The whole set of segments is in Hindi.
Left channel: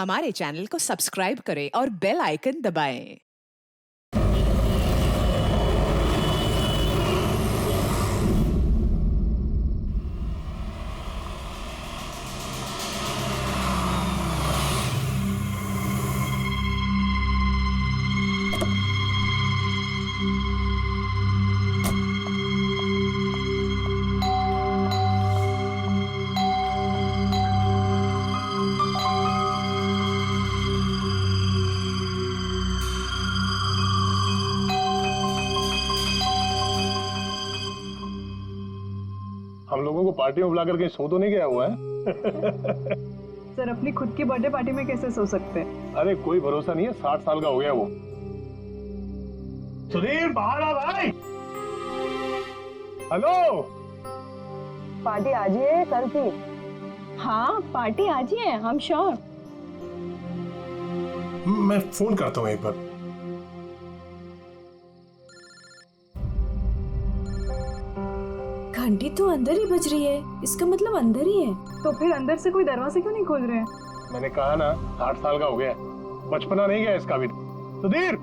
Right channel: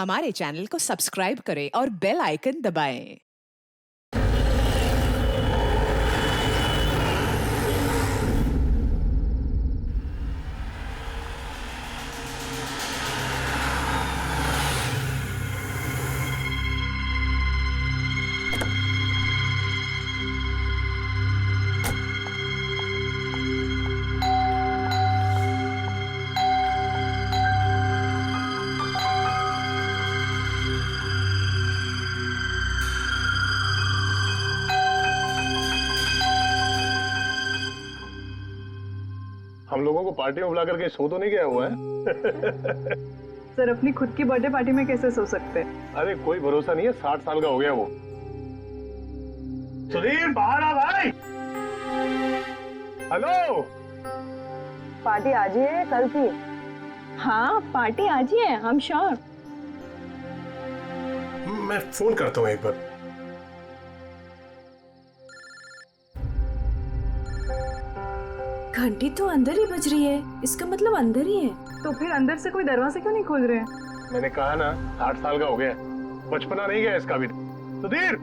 हमारे चैनल को सब्सक्राइब करें और बेल आइकन दबाएं। हम लोगों को पार्टी में बुलाकर कहीं सो तो नहीं गया हुआ है? सर अपनी खुद की बर्थडे पार्टी में कैसे सो सकते हैं? अरे कोई भरोसा नहीं है, 60 साल का हो गया वो। सुधीर बाहर आ भाई। हेलो, पार्टी आज ही है कल की? हाँ पार्टी आज ही है, हम श्योर। मैं फोन करता हूँ एक बार। घंटी तो अंदर ही बज रही है, इसका मतलब अंदर ही है। तो फिर अंदर से कोई दरवाजा क्यों नहीं खोल रहे हैं? मैंने कहा ना 60 साल का हो गया, बचपना नहीं गया इसका भी। सुधीर,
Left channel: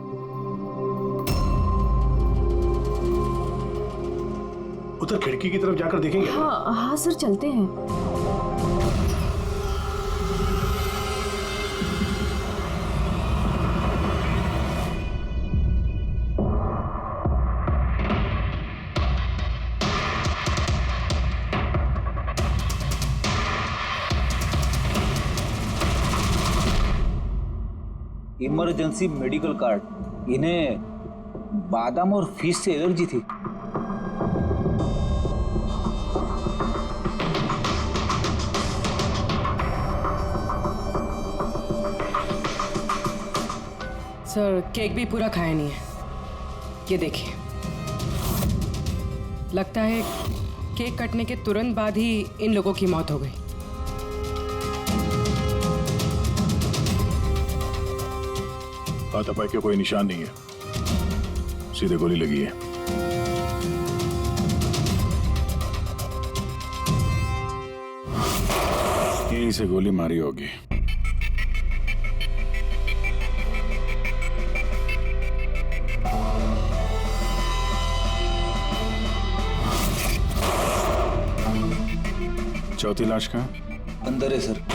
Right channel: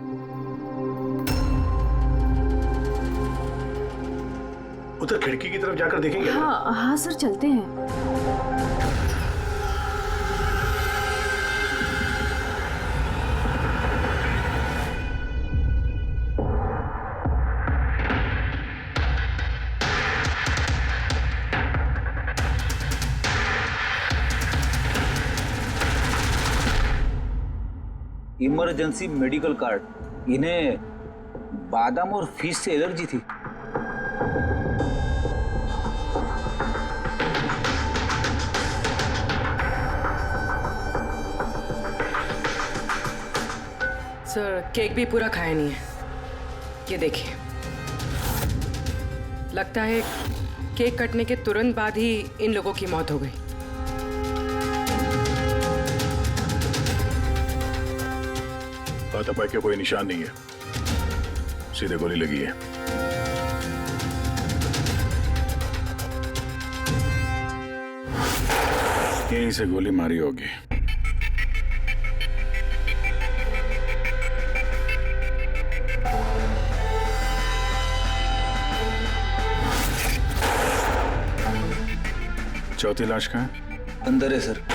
उधर खिड़की की तरफ जाकर देखेंगे। हाँ हाँ सर, चलते हैं। Emergency medical card. इन्हें बादाम और फिश से एलर्जी थी। सर केक भी पूरा खाया नहीं है, ये देखिए। लगता है केक कटने के तुरंत बाद ही इन लोगों की मौत हो गई। हाथापाई के कोई निशान नहीं है, सीधे गोली लगी है। यहीं से गोली मारी होगी। चौथी लाश कहाँ है? अंदर है सर।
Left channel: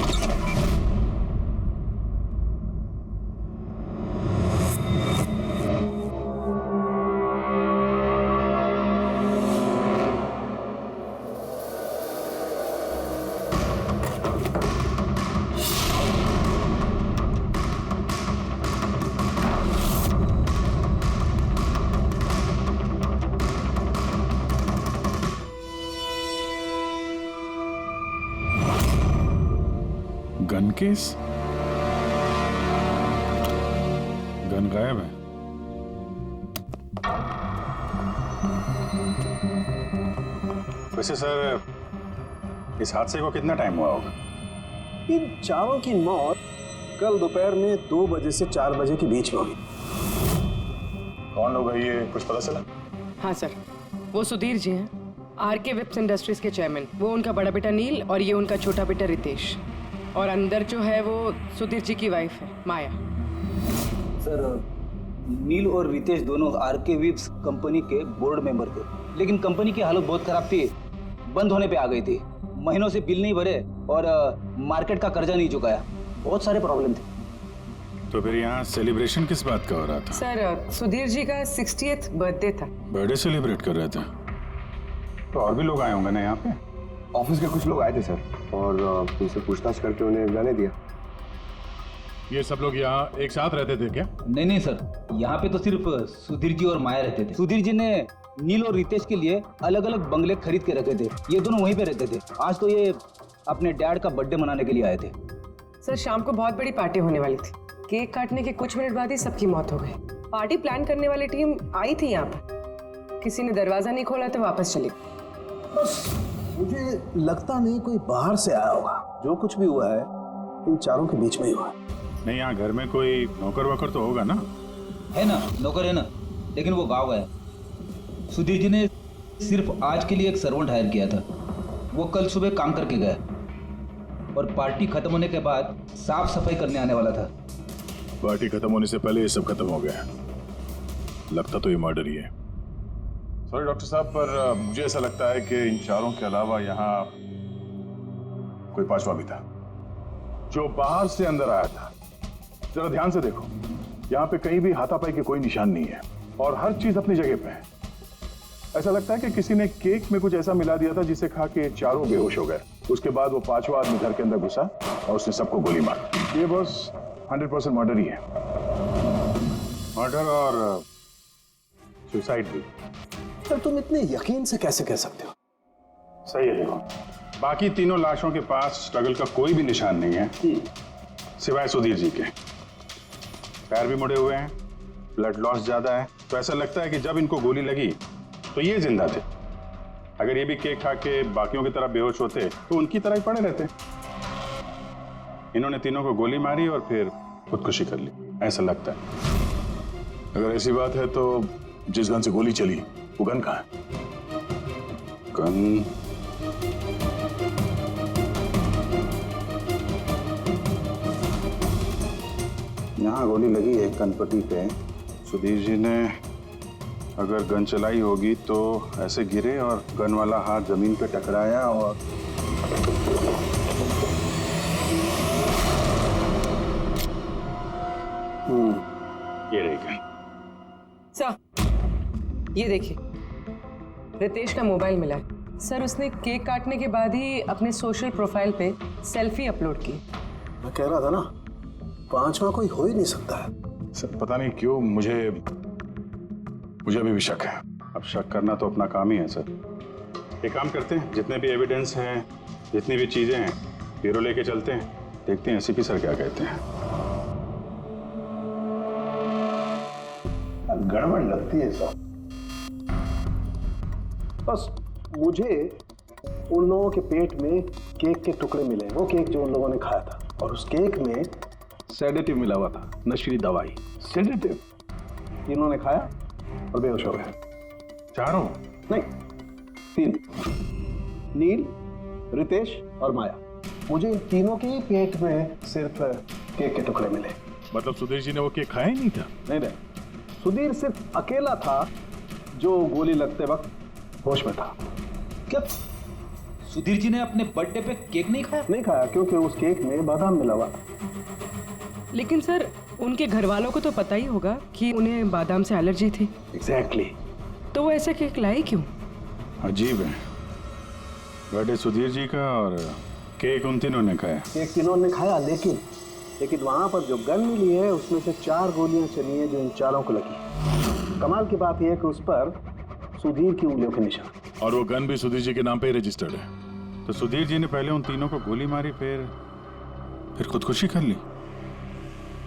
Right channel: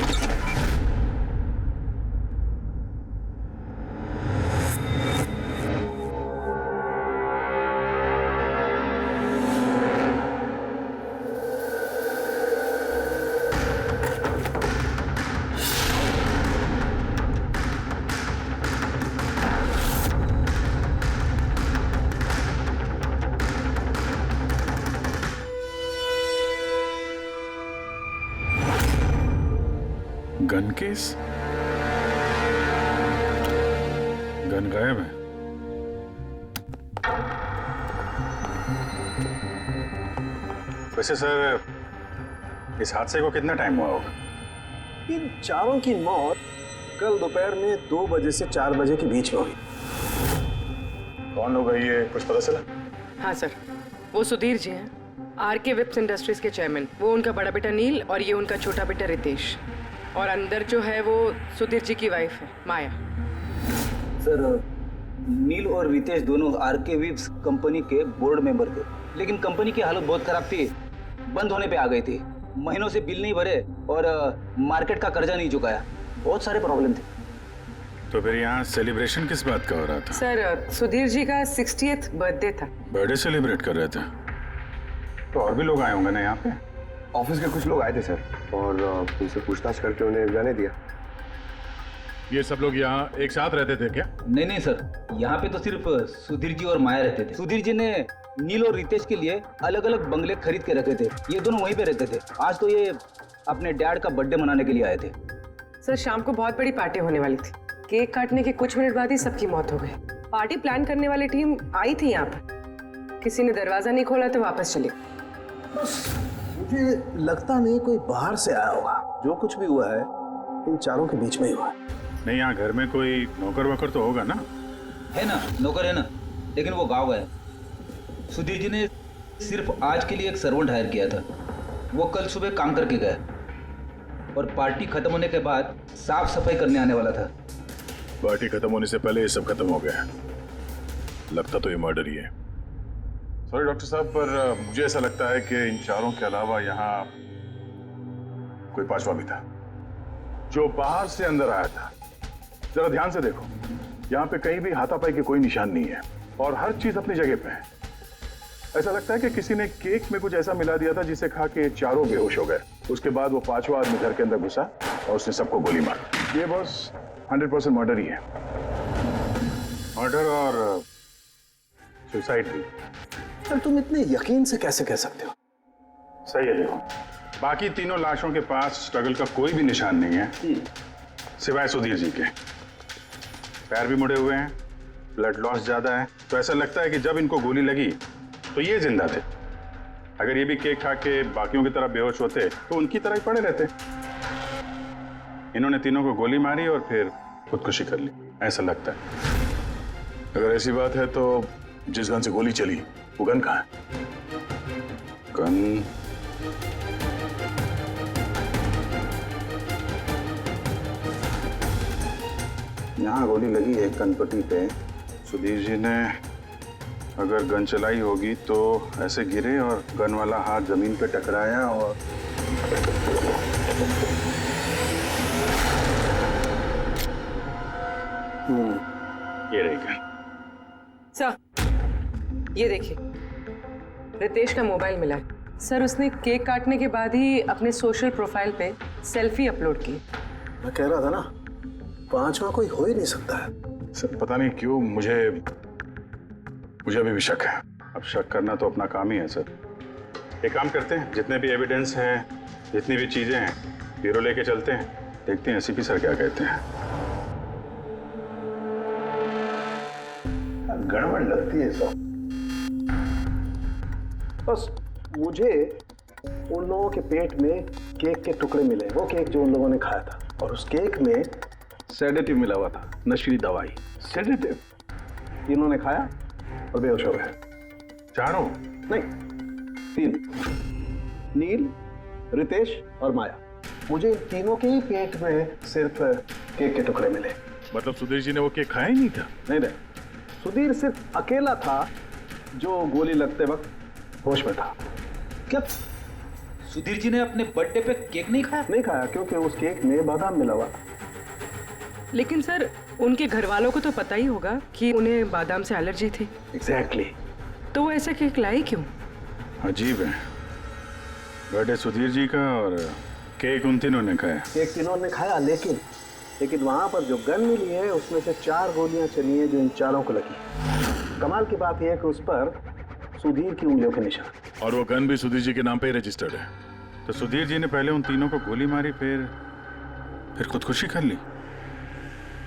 Gun case? गन गायब है। वैसे सर, इस हादसे को कितना टाइम हुआ होगा? इन चारों की मौत कल दोपहर में 2 बजे से 4 बजे के बीच में हुई। कौन लोग है ये, कुछ पता चला? हाँ सर, वो सुधीर जी हैं, आरके विप्स इंडस्ट्रीज के चेयरमैन। वो उनका बड़ा बेटा नील और ये उनका छोटा बेटा रितेश। और अंदर जो है वो सुधीर जी की वाइफ है माया। सर नील और रितेश दोनों आरके विप्स कंपनी के बोर्ड मेंबर थे, लेकिन कंपनी की हालत बहुत खराब थी, बंद होने पे आ गई थी। महीनों से बिल नहीं भरे और मार्केट का कर्जा नहीं चुकाया, बहुत सारे प्रॉब्लम थे। तो फिर यहाँ सेलिब्रेशन किस बात का हो रहा था? सर सुधीर जी का 60th बर्थडे था। बर्थडे सेलिब्रेट कर रहे थे? तो और भी लोग आए होंगे ना यहाँ पे? ऑफिस के कुछ लोग आए थे सर, और उनसे पूछताछ करके उन्हें जाने दिया। ये सब लोग यहाँ एक साथ रहते थे क्या? नहीं सर, यहाँ पे तो सिर्फ सुधीर जी और माया रहते थे। सुधीर जी ने नील और रितेश के लिए अलग अलग बंगले खरीद के रखे थे, ये दोनों वहीं पे रहते थे। आज तो ये अपने डैड का बर्थडे मनाने के लिए आए थे। सर शाम को बहुत बड़ी पार्टी होने वाली थी, केक काटने के कुछ मिनट बाद ही सबकी मौत हो गई। पार्टी प्लान करने वाली टीम आई थी यहाँ पर, किसी ने दरवाजा नहीं खोला तो वापस चली। बस मुझे लगता नहीं कोई बाहर से आया होगा। जो कुछ भी हुआ है इन चारों के बीच में ही हुआ है। नहीं, यहाँ घर में कोई नौकर वोकर तो होगा ना? है ना, नौकर है ना, लेकिन वो गाँव गया। सुधीर जी ने सिर्फ आज के लिए एक सर्वेंट हायर किया था, वो कल सुबह काम करके गया। और पार्टी खत्म होने के बाद साफ सफाई करने आने वाला था। पार्टी खत्म होने से पहले ये सब खत्म हो गया। लगता तो ये मर्डर ही है। सॉरी डॉक्टर साहब, पर मुझे ऐसा लगता है कि इन चारों के अलावा यहाँ कोई पांचवा भी था जो बाहर से अंदर आया था। जरा ध्यान से देखो, यहाँ पे कहीं भी हाथापाई के कोई निशान नहीं है और हर चीज अपनी जगह पे है। ऐसा लगता है कि किसी ने केक में कुछ ऐसा मिला दिया था जिसे खा के चारों बेहोश हो गए। उसके बाद वो पांचवा आदमी घर के अंदर घुसा और उसने सबको गोली मारी। ये बस 100% मर्डर ही है। मर्डर और सुसाइड भी। सर तुम इतने यकीन से कैसे कह सकते हो? सही है। देखो, बाकी तीनों लाशों के पास स्ट्रगल का कोई भी निशान नहीं है सिवाय सुधीर जी के। पैर भी मुड़े हुए हैं, ब्लड लॉस ज्यादा है, तो ऐसा लगता है कि जब इनको गोली लगी तो ये जिंदा थे। अगर ये भी केक खा के बाकियों की तरह बेहोश होते तो उनकी तरह ही पड़े रहते। इन्होंने तीनों को गोली मारी और फिर खुदकुशी कर ली, ऐसा लगता है। अगर ऐसी बात है तो जिस गन से गोली चली वो गन कहाँ है? गन यहाँ गोली लगी है गणपति पे। सुधीर जी ने अगर गन चलाई होगी तो ऐसे गिरे और गन वाला हाथ जमीन पे टकराया और ये रही गन। सर, ये देखिए, रितेश का मोबाइल मिला है। सर, उसने केक काटने के बाद ही अपने सोशल प्रोफाइल पे सेल्फी अपलोड की। मैं कह रहा था ना, पांचवा कोई हो ही नहीं सकता है। सर पता नहीं क्यों मुझे अभी भी शक है। अब शक करना तो अपना काम ही है सर। एक काम करते हैं, जितने भी एविडेंस हैं, जितनी भी चीजें हैं, ब्यूरो लेके चलते हैं, देखते हैं एसीपी सर क्या कहते हैं। गड़बड़ लगती है सब। बस मुझे उन लोगों के पेट में केक के टुकड़े मिले, वो केक जो उन लोगों ने खाया था, और उस केक में सेडेटिव मिला हुआ था, नशीली दवाई। सेडेटिव इन्होंने खाया और बेहोश हो गए। चारों? नहीं, 3, नील, रितेश और माया। मुझे इन तीनों के ही पेट में सिर्फ केक के टुकड़े मिले। मतलब सुधीर जी ने वो केक खाया ही नहीं था? नहीं, सुधीर सिर्फ अकेला था जो गोली लगते वक्त होश में था। क्या सुधीर जी ने अपने बर्थडे पे केक नहीं खाया? नहीं खाया, क्योंकि उस केक में बादाम मिला हुआ था। लेकिन सर, उनके घर वालों को तो पता ही होगा कि उन्हें बादाम से एलर्जी थी। एग्जैक्टली। तो वो ऐसा केक लाई क्यों? अजीब है, बर्थडे सुधीर जी का और केक उन तीनों ने खाया। केक तीनों ने खाया, लेकिन वहां पर जो गन मिली है उसमें से 4 गोलियां चली हैं जो इन चारों को लगी। कमाल की बात यह है कि उस पर सुधीर की उंगलियों के निशान। और वो गन भी सुधीर जी के नाम पे ही रजिस्टर्ड है। तो सुधीर जी ने पहले उन तीनों को गोली मारी, फिर खुदकुशी कर ली।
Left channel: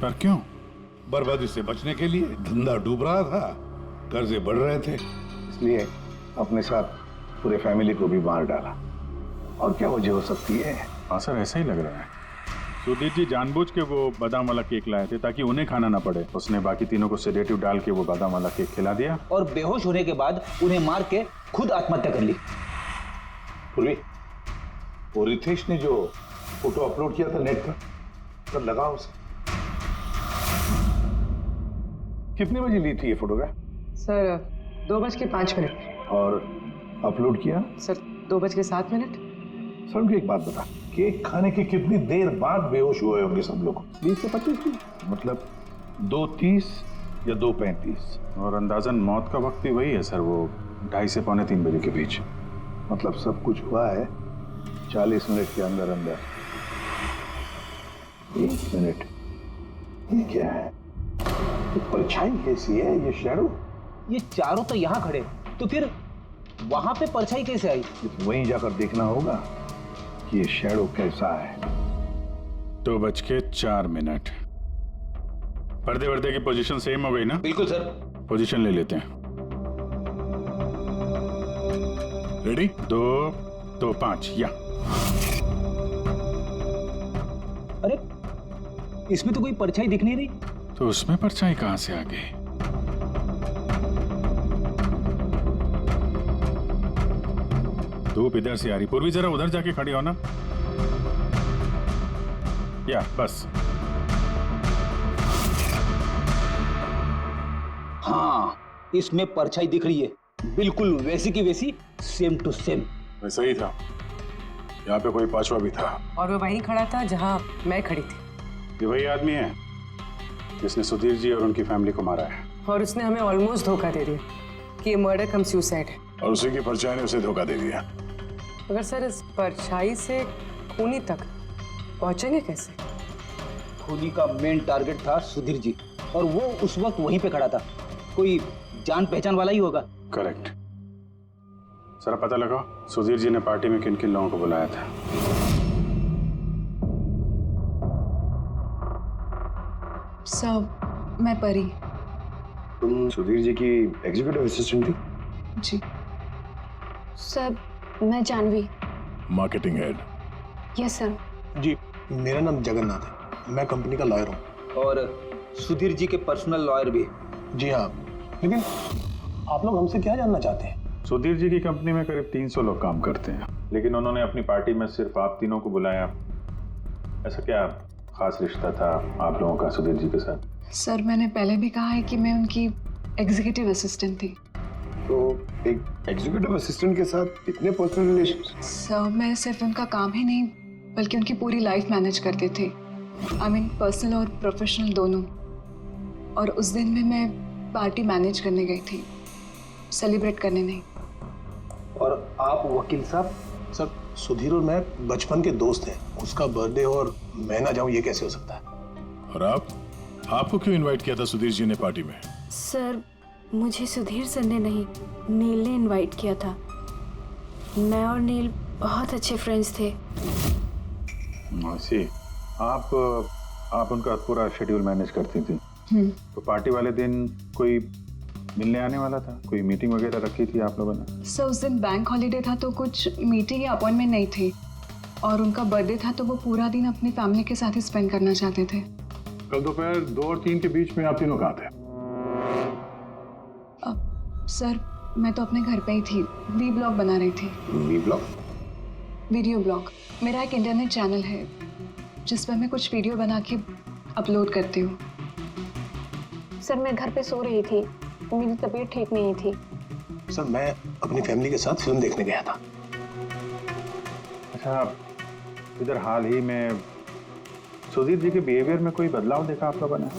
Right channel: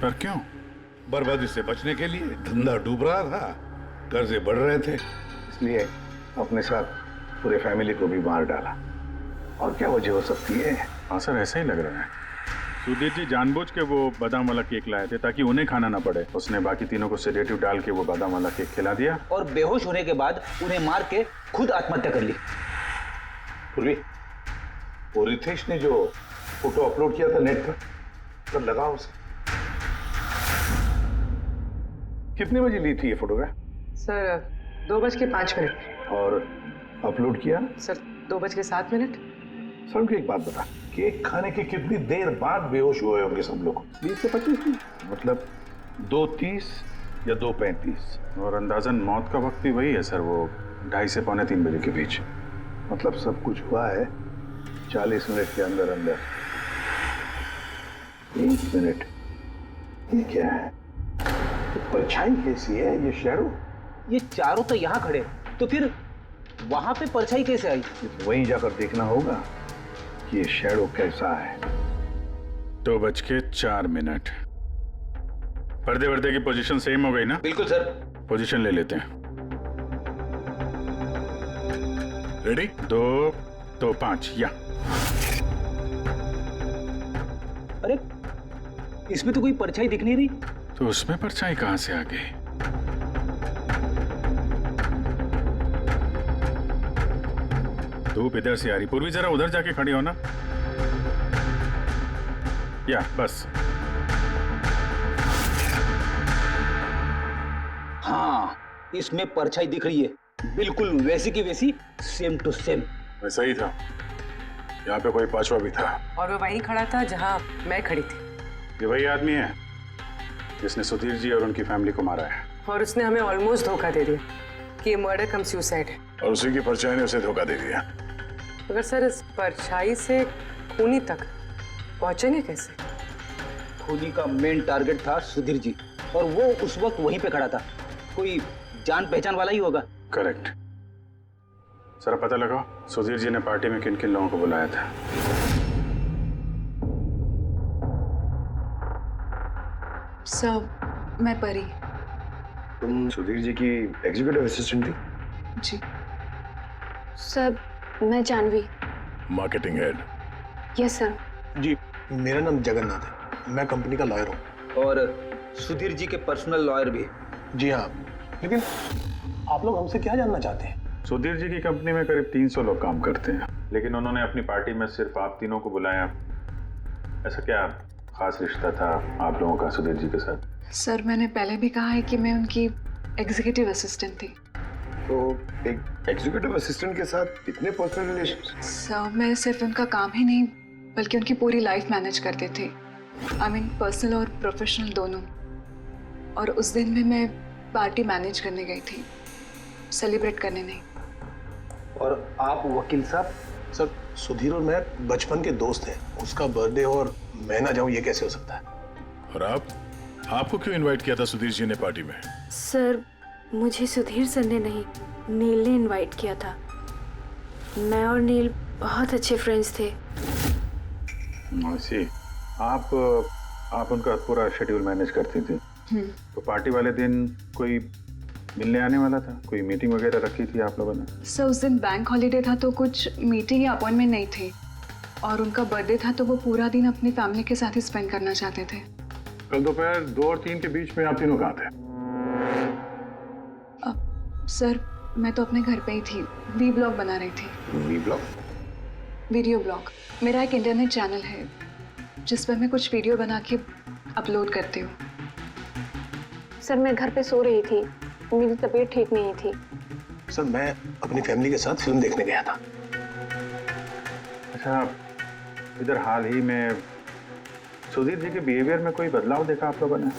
पर क्यों? बर्बादी से बचने के लिए। धंधा डूब रहा था, कर्जे बढ़ रहे थे, इसलिए अपने साथ पूरे फैमिली को भी मार डाला। और क्या वजह हो सकती है? हाँ सर, ऐसा ही लग रहा है। सुधीर जी जानबूझ के वो बादाम वाला केक लाए थे ताकि उन्हें खाना ना पड़े। उसने बाकी तीनों को सेडेटिव डाल के वो बादाम वाला केक खिला दिया और बेहोश होने के बाद उन्हें मार के खुद आत्महत्या कर ली। पूर्वी, वो रितेश ने जो फोटो अपलोड किया था नेट पर, कब लगा उसे? कितने बजे ली थी ये फोटोग्राफ? सर, 2:05। और अपलोड किया? सर, 2:07। सर मुझे एक बात बता, केक खाने के कितनी देर बाद बेहोश हुए होंगे सब लोग? 20 से 25 मिनट, मतलब 2:30 या 2:35। और अंदाजन मौत का वक्त भी वही है सर, वो 2:30 से 2:45 बजे के बीच। मतलब सब कुछ हुआ है 40 मिनट के अंदर अंदर। 1 मिनट, ये क्या है? ये परछाई कैसी है? ये शैडो? ये चारों तो यहाँ खड़े, तो फिर वहां पे परछाई कैसे आई? वहीं जाकर देखना होगा कि ये शैडो कैसा है। 2:04। पर्दे वर्दे की पोजीशन सेम हो गई ना? बिल्कुल सर। पोजीशन ले लेते हैं। रेडी? 2, 2, 5 या। अरे इसमें तो कोई परछाई दिख नहीं रही। तो उसमें परछाई कहां से आ गई? धूप इधर से आ रही। पूर्वी जरा उधर जाके खड़ी हो ना। या बस। हाँ, इसमें परछाई दिख रही है, बिल्कुल वैसी की वैसी, सेम टू सेम। वैसा ही था, यहाँ पे कोई पांचवा भी था। और वो वहीं खड़ा था जहां मैं खड़ी थी। ये वही आदमी है जिसने सुधीर जी और उनकी फैमिली को मारा है। और उसने हमें ऑलमोस्ट धोखा दे दिया कि ये मर्डर कम सुसाइड है। और उसी की परछाई ने उसे धोखा दे दिया। मगर सर, इस परछाई से खूनी तक पहुंचेंगे कैसे? खूनी का मेन टारगेट था सुधीर जी, और वो उस वक्त वहीं पे खड़ा था। कोई जान पहचान वाला ही होगा। करेक्ट। सर पता लगा सुधीर जी ने पार्टी में किन किन लोगों को बुलाया था। सर, मैं परी। तुम सुधीर जी की एग्जीक्यूटिव असिस्टेंट थी? जी। सर, मैं Janvi. Marketing head. Yes sir. जी, मेरा नाम जगन्नाथ है, मैं कंपनी का लॉयर हूँ। और सुधीर जी के पर्सनल लॉयर भी। जी हाँ, लेकिन आप लोग हमसे क्या जानना चाहते हैं? सुधीर जी की कंपनी में करीब 300 लोग काम करते हैं, लेकिन उन्होंने अपनी पार्टी में सिर्फ आप तीनों को बुलाया। ऐसा क्या खास रिश्ता था आप लोगों का सुधीर जी के साथ? सर, मैंने पहले भी कहा है कि मैं उनकी एग्जीक्यूटिव असिस्टेंट थी। तो एक एग्जीक्यूटिव असिस्टेंट के साथ इतने पर्सनल रिलेशन? सर, मैं सिर्फ उनका काम ही नहीं बल्कि उनकी पूरी लाइफ मैनेज करते थे। आई मीन पर्सनल और प्रोफेशनल दोनों। और उस दिन में मैं पार्टी मैनेज करने गई थी, सेलिब्रेट करने नहीं। और आप वकील साहब? सर, सुधीर और मैं बचपन के दोस्त हैं। उसका बर्थडे और मैं ना जाऊं, ये कैसे हो सकता है? और आपको क्यों इनवाइट किया था सुधीर जी ने पार्टी में? सर, मुझे सुधीर सर ने नहीं, नील ने इनवाइट किया था। मैं और नील बहुत अच्छे फ्रेंड्स थे। सी, आप उनका पूरा शेड्यूल मैनेज करती थी। तो पार्टी वाले दिन कोई मिलने आने वाला था? कोई मीटिंग वगैरह रखी थी आप लोगों ने? सर, उस दिन बैंक हॉलीडे था तो कुछ मीटिंग या अपॉइंटमेंट नहीं थी। और उनका बर्थडे था तो वो पूरा दिन अपनी फैमिली के साथ ही स्पेंड करना चाहते थे। कल दोपहर 2 और 3 के बीच में आप तीनों कहाँ थे? सर, मैं तो अपने घर पे ही थी, वी ब्लॉग बना रही थी। Vlog? Video blog. मेरा एक इंटरनेट चैनल है जिस पर मैं कुछ वीडियो बना के अपलोड करती हूँ। सर, मैं घर पे सो रही थी, मेरी तबीयत ठीक नहीं थी। सर, मैं अपनी फैमिली के साथ फिल्म देखने गया था। अच्छा, इधर हाल ही में सुधीर जी के बिहेवियर में कोई बदलाव देखा आप लोगों ने?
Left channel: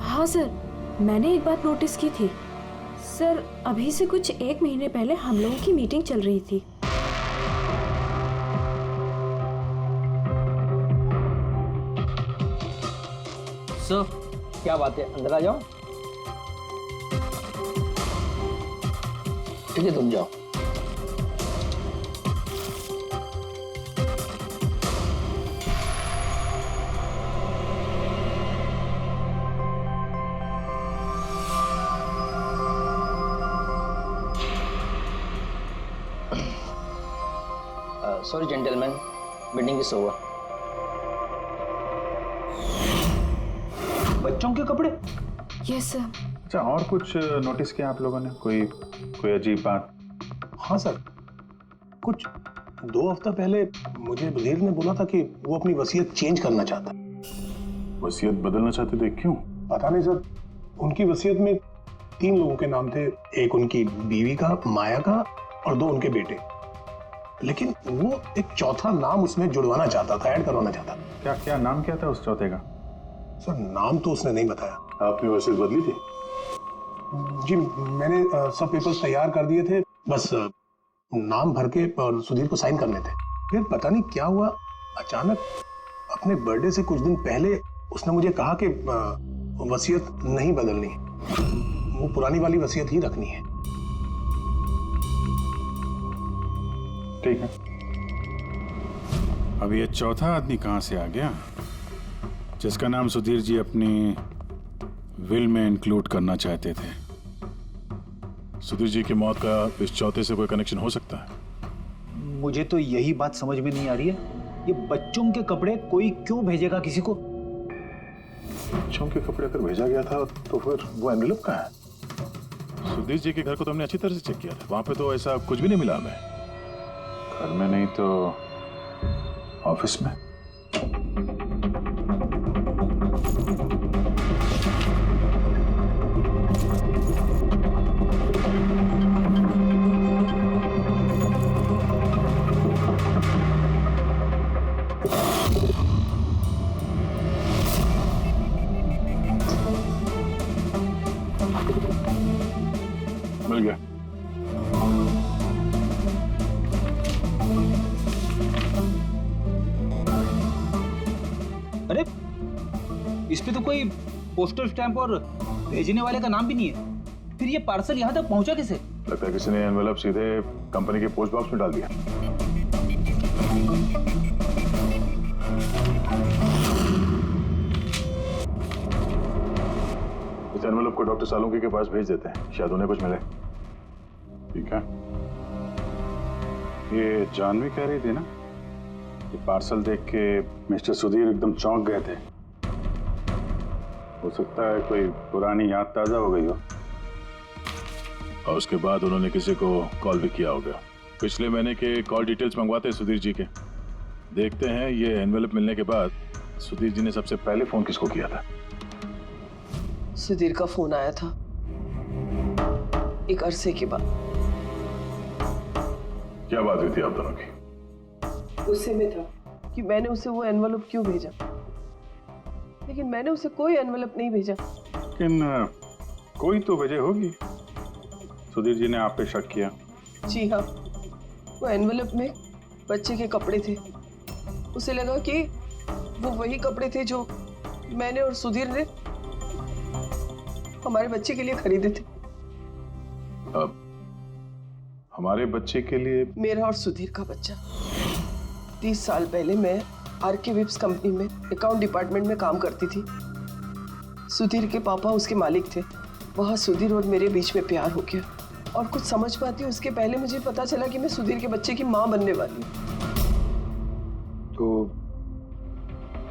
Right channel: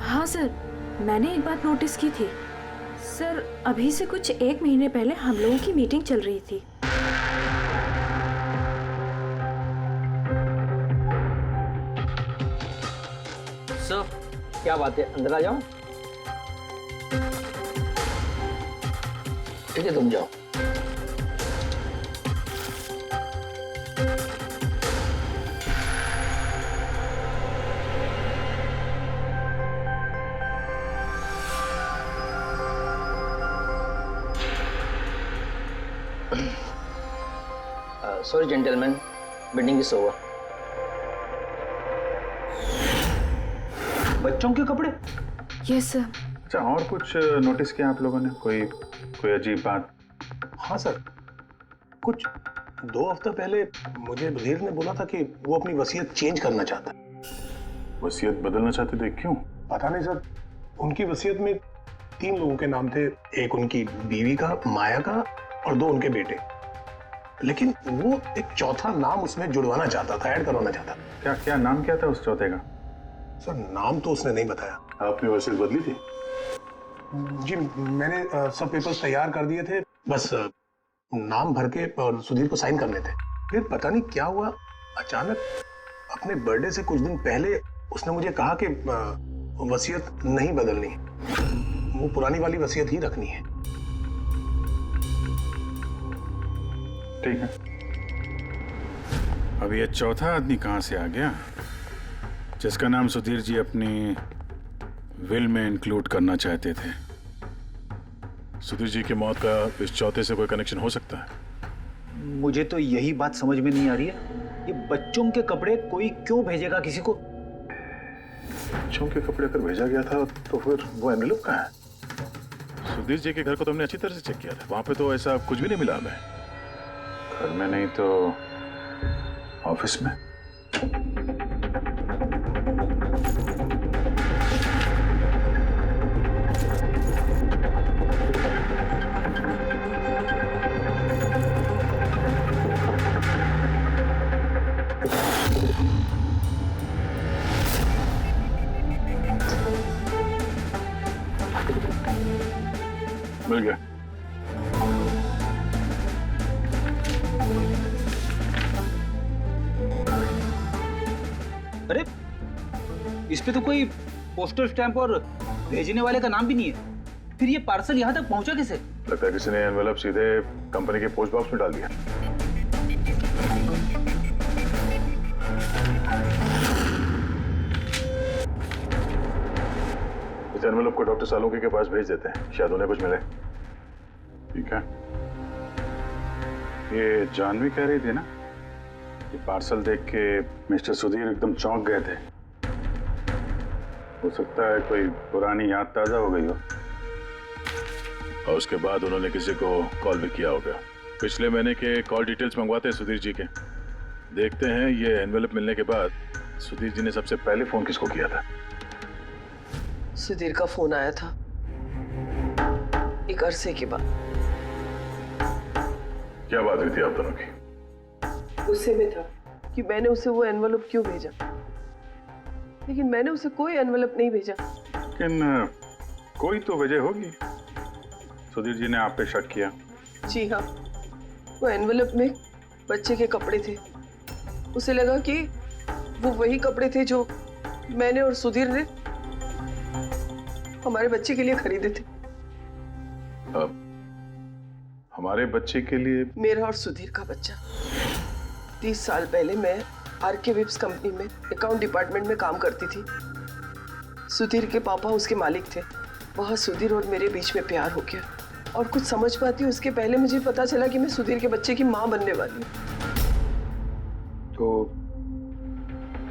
हाँ सर, मैंने एक बात नोटिस की थी। सर, अभी से कुछ 1 महीने पहले हम लोगों की मीटिंग चल रही थी। सर, क्या बात है, अंदर आ जाओ। ठीक है, तुम जाओ। Sorry gentleman, meeting is over. बच्चों के कपड़े? Yes sir. अच्छा, और कुछ नोटिस किया आप लोगों ने? कोई अजीब बात? हाँ सर, कुछ 2 हफ्ता पहले मुझे बधीर ने बोला था कि वो अपनी वसीयत चेंज करना चाहता है। वसीयत बदलना चाहते थे, क्यों? पता नहीं सर, उनकी वसीयत में 3 लोगों के नाम थे। एक उनकी बीवी का, माया का, और 2 उनके बेटे। लेकिन वो एक चौथा नाम उसमें जुड़वाना चाहता था, ऐड करवाना चाहता था। क्या नाम क्या था उस चौथे का? सर, नाम तो उसने नहीं बताया। आपने वसीयत बदली थी? जी, मैंने सब पेपर्स तैयार कर दिए थे, बस नाम भर के और सुधीर को साइन करने थे। फिर पता नहीं क्या हुआ, अचानक अपने बर्थडे से कुछ दिन पहले उसने मुझे कहा कि वसीयत नहीं बदलनी, वो पुरानी वाली वसीयत ही रखनी है। ठीक है, अब ये चौथा आदमी कहां से आ गया जिसका नाम सुधीर जी अपनी विल में इंक्लूड करना चाहते थे? सुधीर जी की मौत का इस चौथे से कोई कनेक्शन हो सकता है? मुझे तो यही बात समझ में नहीं आ रही है, ये बच्चों के कपड़े कोई क्यों भेजेगा किसी को? बच्चों के कपड़े अगर भेजा गया था तो फिर वो एनवेलप कहाँ है? सुधीर जी के घर को तो हमने अच्छी तरह से चेक किया था, वहां पे तो ऐसा कुछ भी नहीं मिला हमें। घर में नहीं तो ऑफिस में? मिल गया। अरे इस पे तो कोई पोस्टल स्टैंप और भेजने वाले का नाम भी नहीं है। फिर ये पार्सल यहाँ तक पहुँचा कैसे? लगता है किसी ने एनवेलप सीधे कंपनी के पोस्ट बॉक्स में डाल दिया। इस एनवेलप को डॉक्टर सालुंकी के पास भेज देते हैं, शायद उन्हें कुछ मिले। ठीक है। ये जानवी कह रही थी ना, ये पार्सल देख के मिस्टर सुधीर एकदम चौंक गए थे। हो सकता है कोई पुरानी याद ताजा हो गई हो। और उसके बाद उन्होंने किसी को कॉल भी किया होगा। पिछले महीने के कॉल डिटेल्स मंगवाते हैं सुधीर जी के। देखते हैं ये एनवेलप मिलने के बाद सुधीर जी ने सबसे पहले फोन किसको किया था। सुधीर का फोन आया था एक अरसे के बाद। क्या बात हुई थी आप दोनों की? गुस्से में था कि मैंने उसे वो एनवेलप क्यों भेजा, लेकिन मैंने उसे कोई एनवेलप नहीं भेजा। लेकिन कोई तो वजह होगी। सुधीर जी ने आप पे शक किया। जी हाँ, वो एनवेलप में बच्चे के कपड़े थे। उसे लगा कि वो वही कपड़े थे जो मैंने और सुधीर ने हमारे बच्चे के लिए खरीदे थे। अब हमारे बच्चे के लिए? मेरा और सुधीर का बच्चा। 30 साल पहले मैं आरके विप्स कंपनी में अकाउंट डिपार्टमेंट में काम करती थी। सुधीर के पापा उसके मालिक थे। वहाँ सुधीर और मेरे बीच में प्यार हो गया, और कुछ समझ पाती उसके पहले मुझे पता चला कि मैं सुधीर के बच्चे की माँ बनने वाली हूँ। तो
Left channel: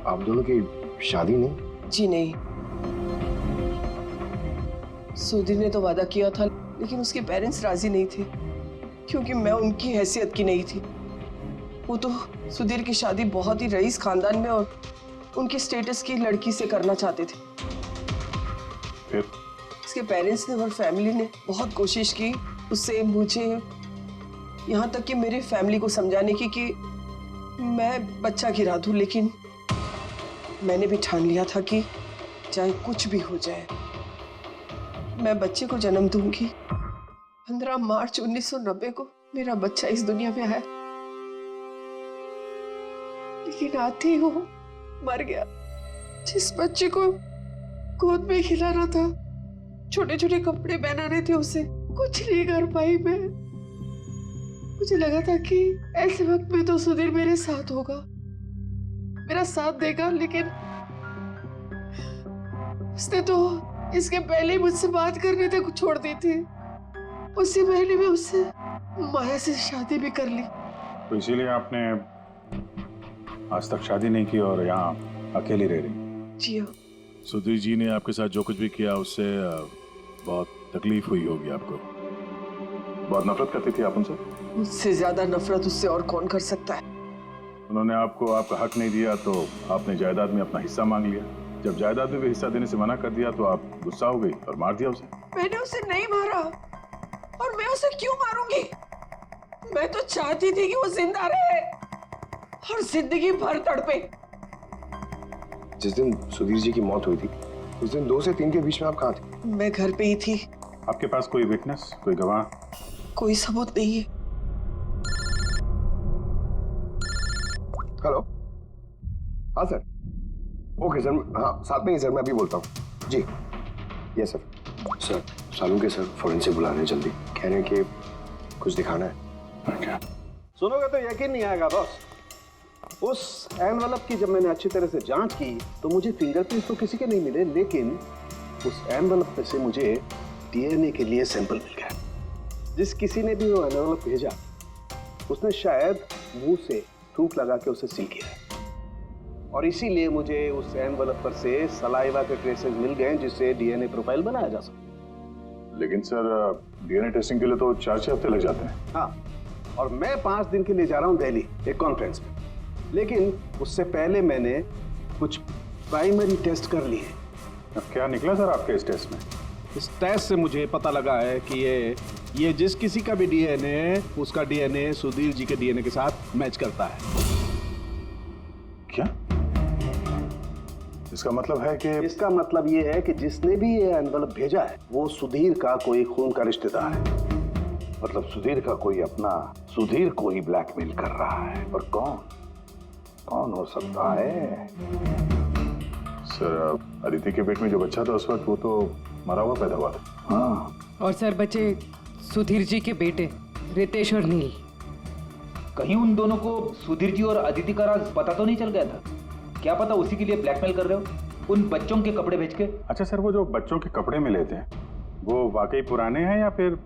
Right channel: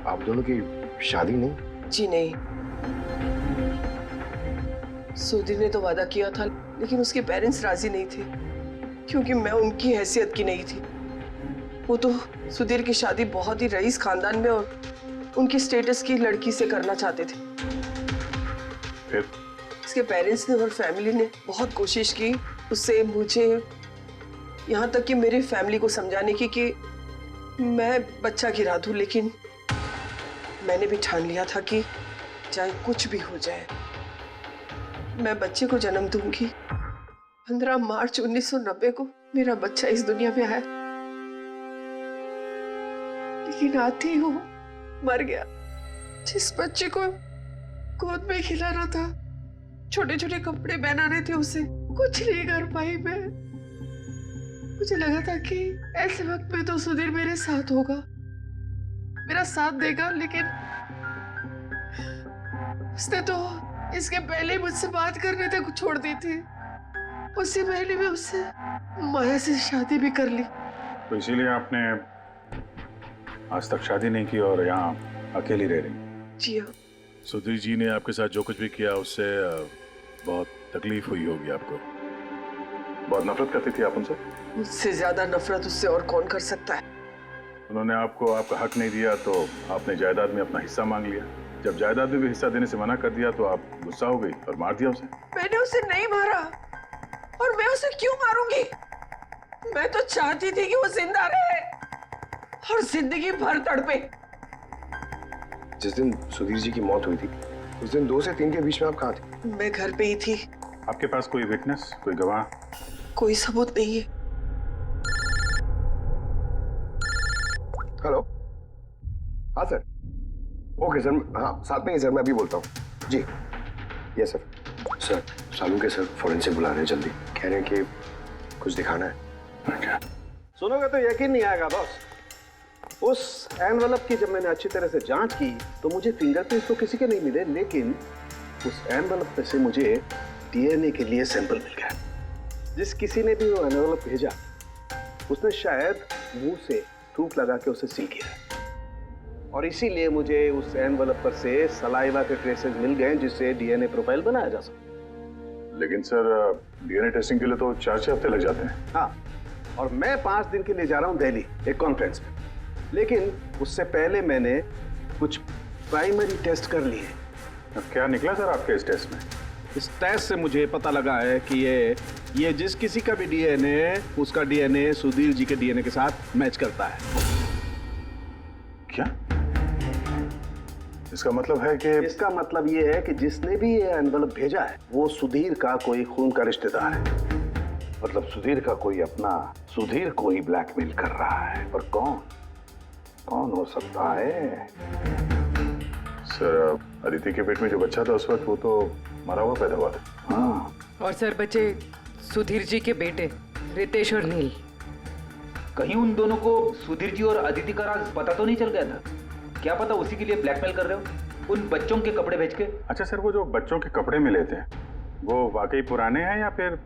आप दोनों की शादी नहीं? जी नहीं। सुधीर ने तो वादा किया था, लेकिन उसके पेरेंट्स राजी नहीं थे, क्योंकि मैं उनकी हैसियत की नहीं थी। वो तो सुधीर की शादी बहुत ही रईस खानदान में और उनकी स्टेटस की लड़की से करना चाहते थे। फिर उसके पेरेंट्स ने और फैमिली ने बहुत कोशिश की उससे, मुझे, यहाँ तक कि मेरी फैमिली को समझाने की कि मैं बच्चा गिरा दूं, लेकिन मैंने भी ठान लिया था कि चाहे कुछ भी हो जाए मैं बच्चे को जन्म दूंगी। 15 मार्च 1990 को मेरा बच्चा इस दुनिया में आया, लेकिन आते ही वो मर गया। जिस बच्चे को गोद में खिलाना था, छोटे छोटे कपड़े पहनाने थे, उसे कुछ नहीं कर पाई मैं। मुझे लगा था कि ऐसे वक्त में तो सुधीर मेरे साथ होगा, मेरा साथ देगा, लेकिन उसने तो इसके पहले ही मुझसे बात करने तक छोड़ दी थी। उसी महीने में उससे माया से शादी भी कर ली। तो इसीलिए आपने आज तक शादी नहीं की और यहाँ अकेली रह रही? जी हाँ। सुधीर जी ने आपके साथ जो कुछ भी किया उससे बहुत तकलीफ हुई होगी आपको। बहुत नफरत करती थी आप उनसे? मुझसे ज्यादा नफरत उससे और कौन कर सकता है। उन्होंने आपको आपका हक नहीं दिया तो आपने जायदाद में अपना हिस्सा मांग लिया। जब जायदाद में भी हिस्सा देने से मना कर दिया तो आप गुस्सा हो गई और मार दिया उसे। मैंने उसे नहीं मारा, और मैं उसे क्यों मारूंगी? मैं तो चाहती थी कि वो जिंदा रहे और जिंदगी भर तड़पे। जिस दिन सुधीर जी की मौत हुई थी उस दिन 2 से 3 के बीच में आप कहाँ थे? मैं घर पे ही थी। आपके पास कोई विटनेस, कोई गवाह? कोई सबूत नहीं है। हेलो, हाँ सर। ओके सर, हाँ साथ में ही सर, मैं अभी बोलता हूँ जी। Yes sir. Sir Salunke sir forensic बुला रहे हैं, जल्दी कह रहे हैं कि कुछ दिखाना है। सुनोगे तो यकीन नहीं आएगा बॉस। उस एनवेलप की जब मैंने अच्छी तरह से जांच की तो मुझे फिंगरप्रिंट्स तो किसी के नहीं मिले, लेकिन उस एनवेलप पे से मुझे डीएनए के लिए सैंपल मिल गया। जिस किसी ने भी वो एनवेलप भेजा उसने शायद मुंह से थूक लगा के उसे सील किया, और इसीलिए मुझे उस एनवेलप पर से सलाइवा के ट्रेसेस मिल गए जिससे डीएनए प्रोफाइल बनाया जा सके। लेकिन सर डीएनए टेस्टिंग के लिए तो 4-6 हफ्ते लग जाते हैं। हाँ, और मैं 5 दिन के लिए जा रहा हूँ दिल्ली एक कॉन्फ्रेंस में। लेकिन उससे पहले मैंने कुछ प्राइमरी टेस्ट कर लिए। अब क्या निकला सर आपके इस टेस्ट में? इस टेस्ट से मुझे पता लगा है कि ये जिस किसी का भी डीएनए, उसका डीएनए सुधीर जी के डीएनए के साथ मैच करता है। क्या? इसका मतलब है कि इसका मतलब ये है कि जिसने भी ये एनवलप भेजा है वो सुधीर का कोई खून का रिश्तेदार है। मतलब सुधीर का कोई अपना सुधीर को ही ब्लैकमेल कर रहा है। और कौन हो सकता है? सर, अदिति के पेट में जो बच्चा था उस वक्त वो तो मरा हुआ पैदा हुआ था। हाँ, और सर बचे सुधीर जी के बेटे रितेश और नील। कहीं उन दोनों को सुधीर जी और अदिति का राज पता तो नहीं चल गया था? क्या पता उसी के लिए ब्लैकमेल कर रहे हो उन बच्चों के कपड़े बेच के। अच्छा सर, वो जो बच्चों के कपड़े मिले थे वो वाकई पुराने हैं या फिर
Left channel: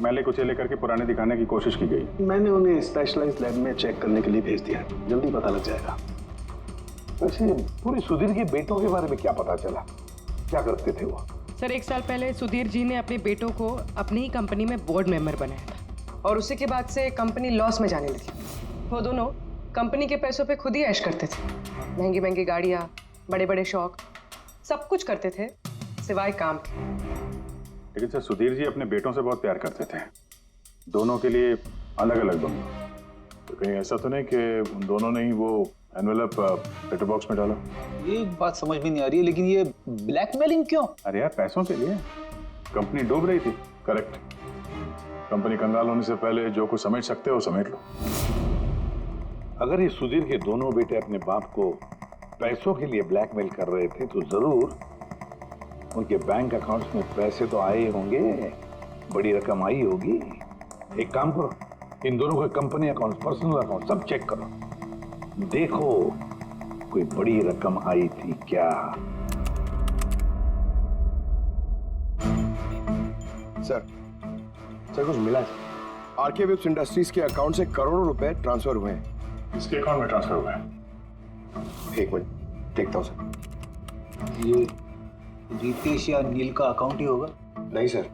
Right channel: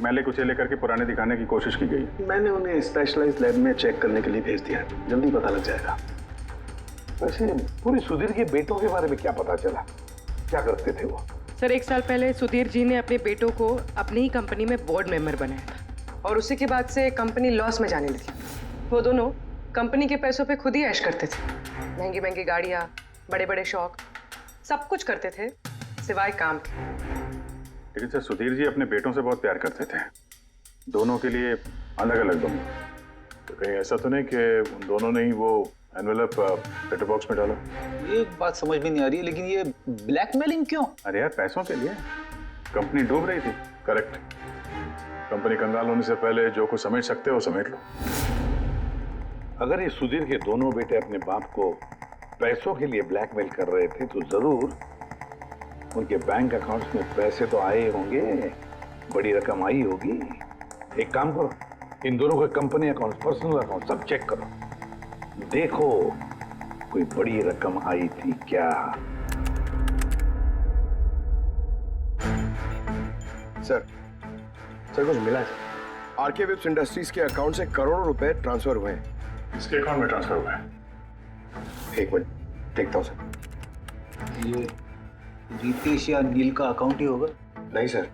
मैले कुचेले करके पुराने दिखाने की कोशिश की गई? मैंने उन्हें स्पेशलाइज्ड लैब में चेक करने के लिए भेज दिया, जल्दी पता लग जाएगा। वैसे पूरी सुधीर के बेटों के बारे में क्या पता चला? क्या करते थे वो? सर 1 साल पहले सुधीर जी ने अपने बेटों को अपनी ही कंपनी में बोर्ड मेंबर बनाया था और उसी के बाद से कंपनी लॉस में जाने लगी। वो दोनों कंपनी के पैसों पे खुद ही ऐश करते थे। महंगी महंगी गाड़ियाँ, बड़े बड़े शौक, सब कुछ करते थे सिवाय काम के। लेकिन सर सुधीर जी अपने बेटों से बहुत प्यार करते थे, दोनों के लिए अलग अलग बंगले। तो कहीं ऐसा तो नहीं कि उन दोनों ने ही वो एनवेलप लेटर बॉक्स में डाला? ये बात समझ में नहीं आ रही है, लेकिन ये ब्लैकमेलिंग क्यों? अरे यार पैसों के लिए, कंपनी डूब रही थी। करेक्ट। कंपनी कंगाल होने से पहले जो कुछ समेट सकते हो समेट लो। अगर ये सुधीर के दोनों बेटे अपने बाप को पैसों के लिए ब्लैकमेल कर रहे थे तो जरूर उनके बैंक अकाउंट्स में पैसे तो आए होंगे, बड़ी रकम आई होगी। एक काम करो, इन दोनों के कंपनी अकाउंट, पर्सनल अकाउंट सब चेक करो, देखो कोई बड़ी रकम आई थी क्या। सर कुछ मिला है। आरके वेब्स इंडस्ट्रीज के अकाउंट से करोड़ों रुपए ट्रांसफर हुए हैं। इसके अकाउंट में ट्रांसफर हुआ है? एक मिनट देखता हूँ सर। ये रितेश या नील का अकाउंट ही होगा? नहीं सर,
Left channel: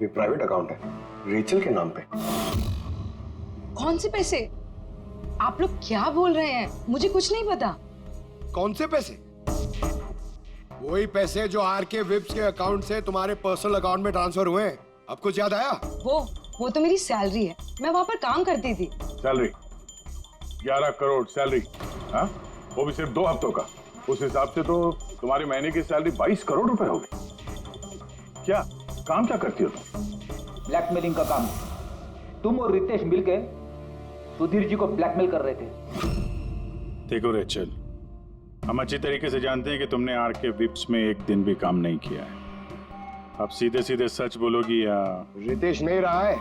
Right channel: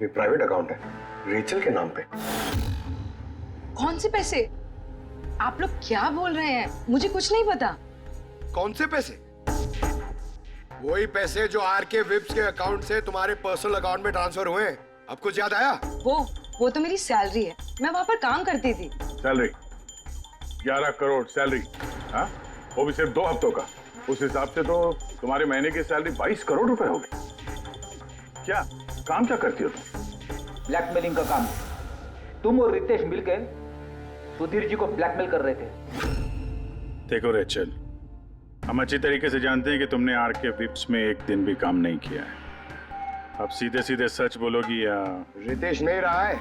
ये प्राइवेट अकाउंट है, रेचल के नाम पे। कौन से पैसे? आप लोग क्या बोल रहे हैं? मुझे कुछ नहीं पता। कौन से पैसे? वही पैसे जो आरके वेब्स के अकाउंट से तुम्हारे पर्सनल अकाउंट में ट्रांसफर हुए हैं। अब कुछ याद आया? वो तो मेरी सैलरी है, मैं वहां पर काम करती थी। Salary 11 crore salary? हाँ, वो भी सिर्फ 2 हफ्तों का। उस हिसाब से तो तुम्हारे महीने की सैलरी 22 करोड़ रुपए हो गई। क्या काम क्या करती हो तुम? ब्लैकमेलिंग का काम। तुम और रितेश मिलके सुधीर जी को ब्लैकमेल कर रहे थे। देखो रेचल, हम अच्छी तरीके से जानते हैं कि तुमने आरके विप्स में एक दिन भी काम नहीं किया है। अब सीधे सीधे सच बोलोगी या? रितेश नहीं रहा है,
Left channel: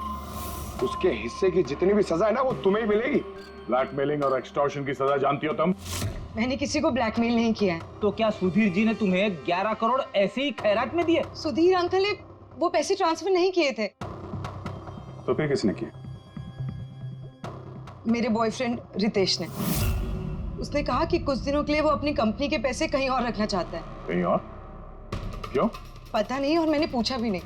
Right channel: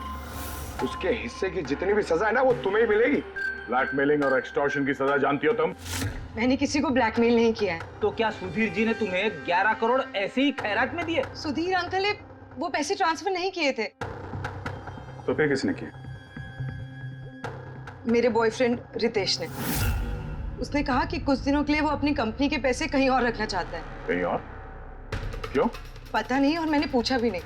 उसके हिस्से की जितनी भी सजा है ना वो तुम्हें ही मिलेगी। ब्लैकमेलिंग और एक्सटॉर्शन की सजा जानती हो तुम? मैंने किसी को ब्लैकमेल नहीं किया है। तो क्या सुधीर जी ने तुम्हें 11 करोड़ ऐसे ही खैरात में दिए? सुधीर अंकल ने वो पैसे ट्रांसफर नहीं किए थे। तो फिर किसने किया? मेरे बॉयफ्रेंड रितेश ने। उसने कहा कि कुछ दिनों के लिए वो अपनी कंपनी के पैसे कहीं और रखना चाहता है। कहीं और? क्यों? पता नहीं, और मैंने पूछा भी नहीं।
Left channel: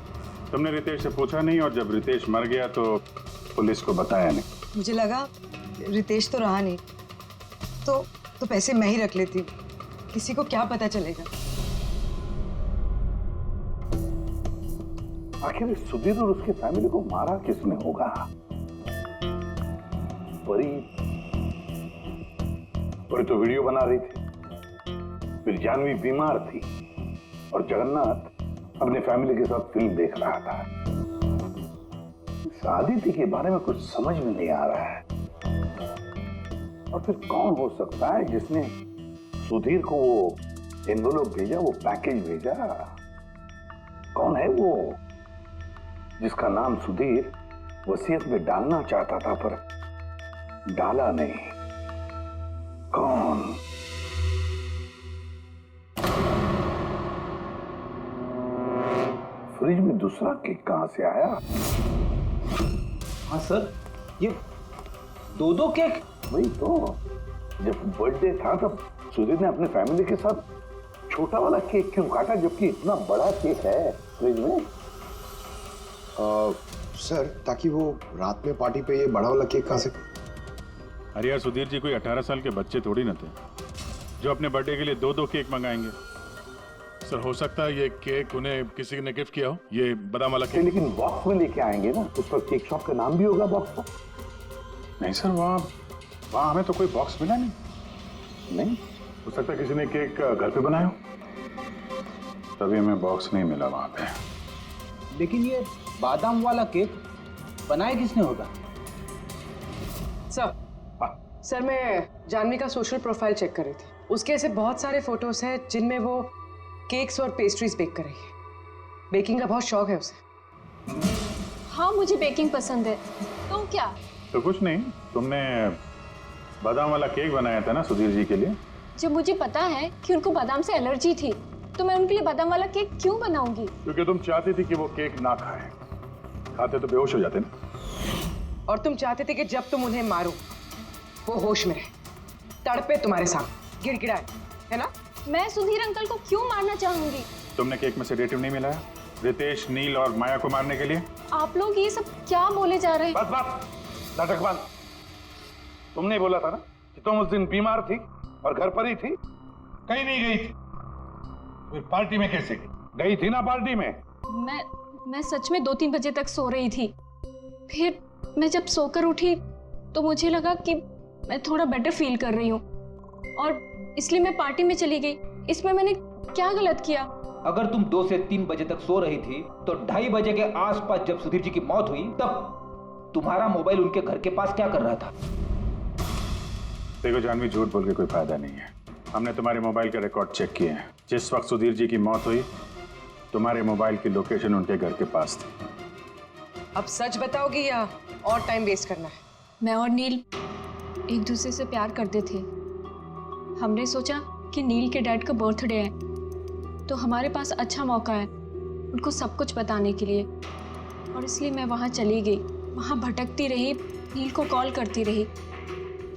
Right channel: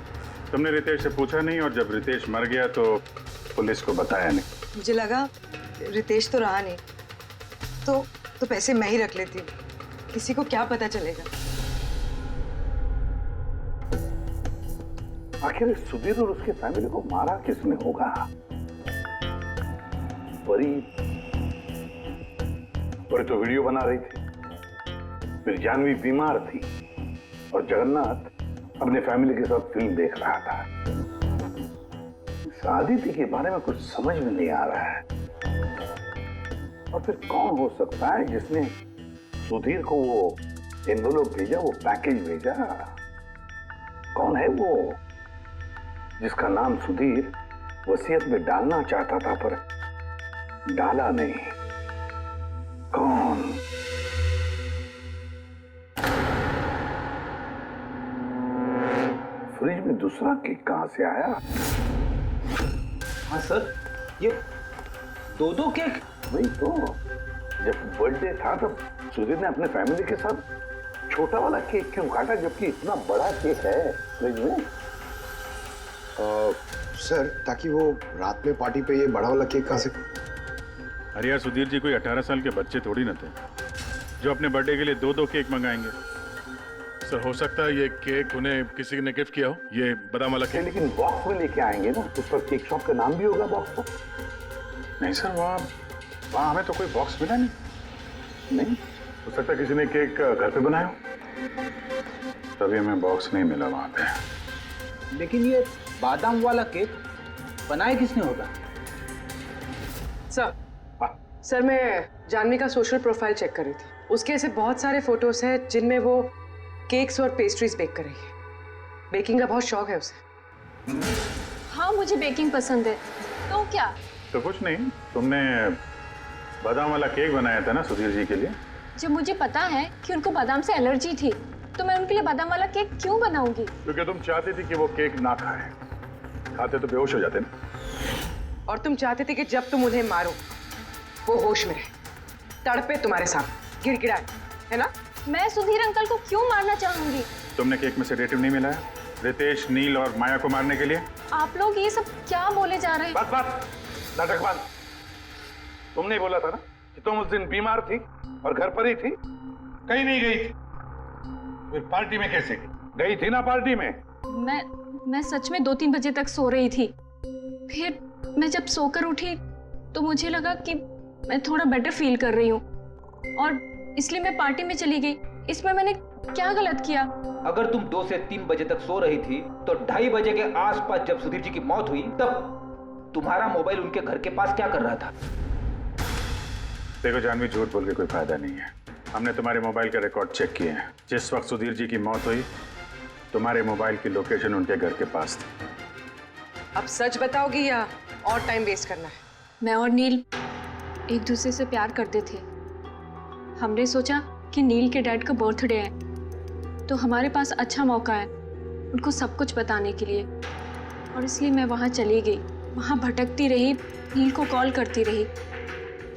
तुमने रितेश से पूछा नहीं, और जब रितेश मर गया तो पुलिस को बताया नहीं? मुझे लगा रितेश तो रहा नहीं, तो पैसे मैं ही रख लेती। किसी को क्या पता चलेगा। आखिर सुधीर और उसके फैमिली को मारा किसने होगा? परी तो वीडियो बना रही थी, फिर जानवी बीमार थी और जगन्नाथ अपने फैमिली के साथ फिल्म देख रहा था। आदिति के बारे में कुछ समझ में नहीं आ रहा है। और फिर कौन हो सकता है जिसने सुधीर को वो एनवेलप भेजा, वो पैकेज भेजा? कौन है वो जिसका नाम सुधीर वसीयत में डालना चाहता था पर डाला नहीं? कौन? फ्रिज में दूसरा केक कहां से आया? हाँ सर, ये 2 केक। वही तो, जब बर्थडे था तब सुधीर ने अपने फैमिली के साथ छोटा वाला केक क्यों काटा जबकि इतना बड़ा केक है फ्रिज में? सर, ताकि वो रात में पार्टी पे ये बड़ा वाला केक खा सके। अरे यार सुधीर जी कोई 18 साल के बच्चे थोड़ी ना थे जो अपने बर्थडे के लिए 2-2 केक मंगाएंगे। सर हो सकता है ये केक उन्हें किसी ने गिफ्ट किया हो, ये बादाम वाला केक। लेकिन बॉक्स में लेके आएंगे ना, उस पर केक शॉप का नाम भी होगा बॉक्स पर। नहीं सर, वहाँ हमें तो कोई बॉक्स मिला नहीं। हो सकता है किसी ने केक घर पे बनाया हो, तभी हमें बॉक्स नहीं मिला वहाँ पे। लेकिन ये बादाम वाला केक बनाया किसने होगा? सर मैं जानवी का सोशल प्रोफाइल चेक कर रही थी। उसके ऐसे बहुत सारे फोटोज हैं जिनमें वो केक्स और पेस्ट्रीज बेक कर रही है। बेकिंग का बहुत शौक है उसे। हाँ मुझे बेकिंग पसंद है। तो क्या? तो कुछ नहीं, तुमने बादाम वाला केक बनाया था ना सुधीर जी के लिए। जब मुझे पता है कि उनको बादाम से एलर्जी थी तो मैं उनके लिए बादाम वाला केक क्यों बनाऊंगी? क्योंकि तुम चाहती थी कि वो केक ना खाए, खाते तो बेहोश हो जाते ना। और तुम चाहते थे कि जब तुम उन्हें मारो वो होश में रहे, तड़पे तुम्हारे सामने, गिड़गिड़ाए, है ना? मैं सुधीर अंकल को क्यों मारना चाहूंगी? तुमने केक में सेडेटिव नहीं मिलाया रितेश, नील और माया को मारने के लिए? आप लोग ये सब क्या बोले जा रहे हैं? बस नाटक बंद। तुमने ही बोला था ना कि तुम उस दिन बीमार थी और घर पर ही थी, कहीं नहीं गई थी। फिर पार्टी में कैसे गई थी ना? पार्टी में मैं सच में 2-3 बजे तक सो रही थी। फिर मैं जब सोकर उठी तो मुझे लगा कि मैं थोड़ा बेटर फील कर रही हूँ और इसलिए मैं पार्टी में चली गई। इसमें मैंने क्या गलत किया? अगर तुम 2 से 3 बजे तक सो रही थी तो 2:30 बजे के आसपास जब सुधीर जी की मौत हुई तब तुम्हारा मोबाइल उनके घर के पास क्या कर रहा था? देखो जानवी, झूठ बोल के कोई फायदा नहीं है। हमने तुम्हारे मोबाइल के रिकॉर्ड चेक किए हैं। जिस वक्त सुधीर जी की मौत हुई तुम्हारे मोबाइल की लोकेशन उनके घर के पास थी। अब सच बताओगी या और टाइम वेस्ट करना है? मैं और नील एक दूसरे से प्यार करते थे। हमने सोचा कि नील के डैड का बर्थडे है तो हमारे पास अच्छा मौका है उनको सब कुछ बताने के लिए, और इसलिए मैं वहाँ चली गई। वहाँ भटकती रही, नील को कॉल करती रही,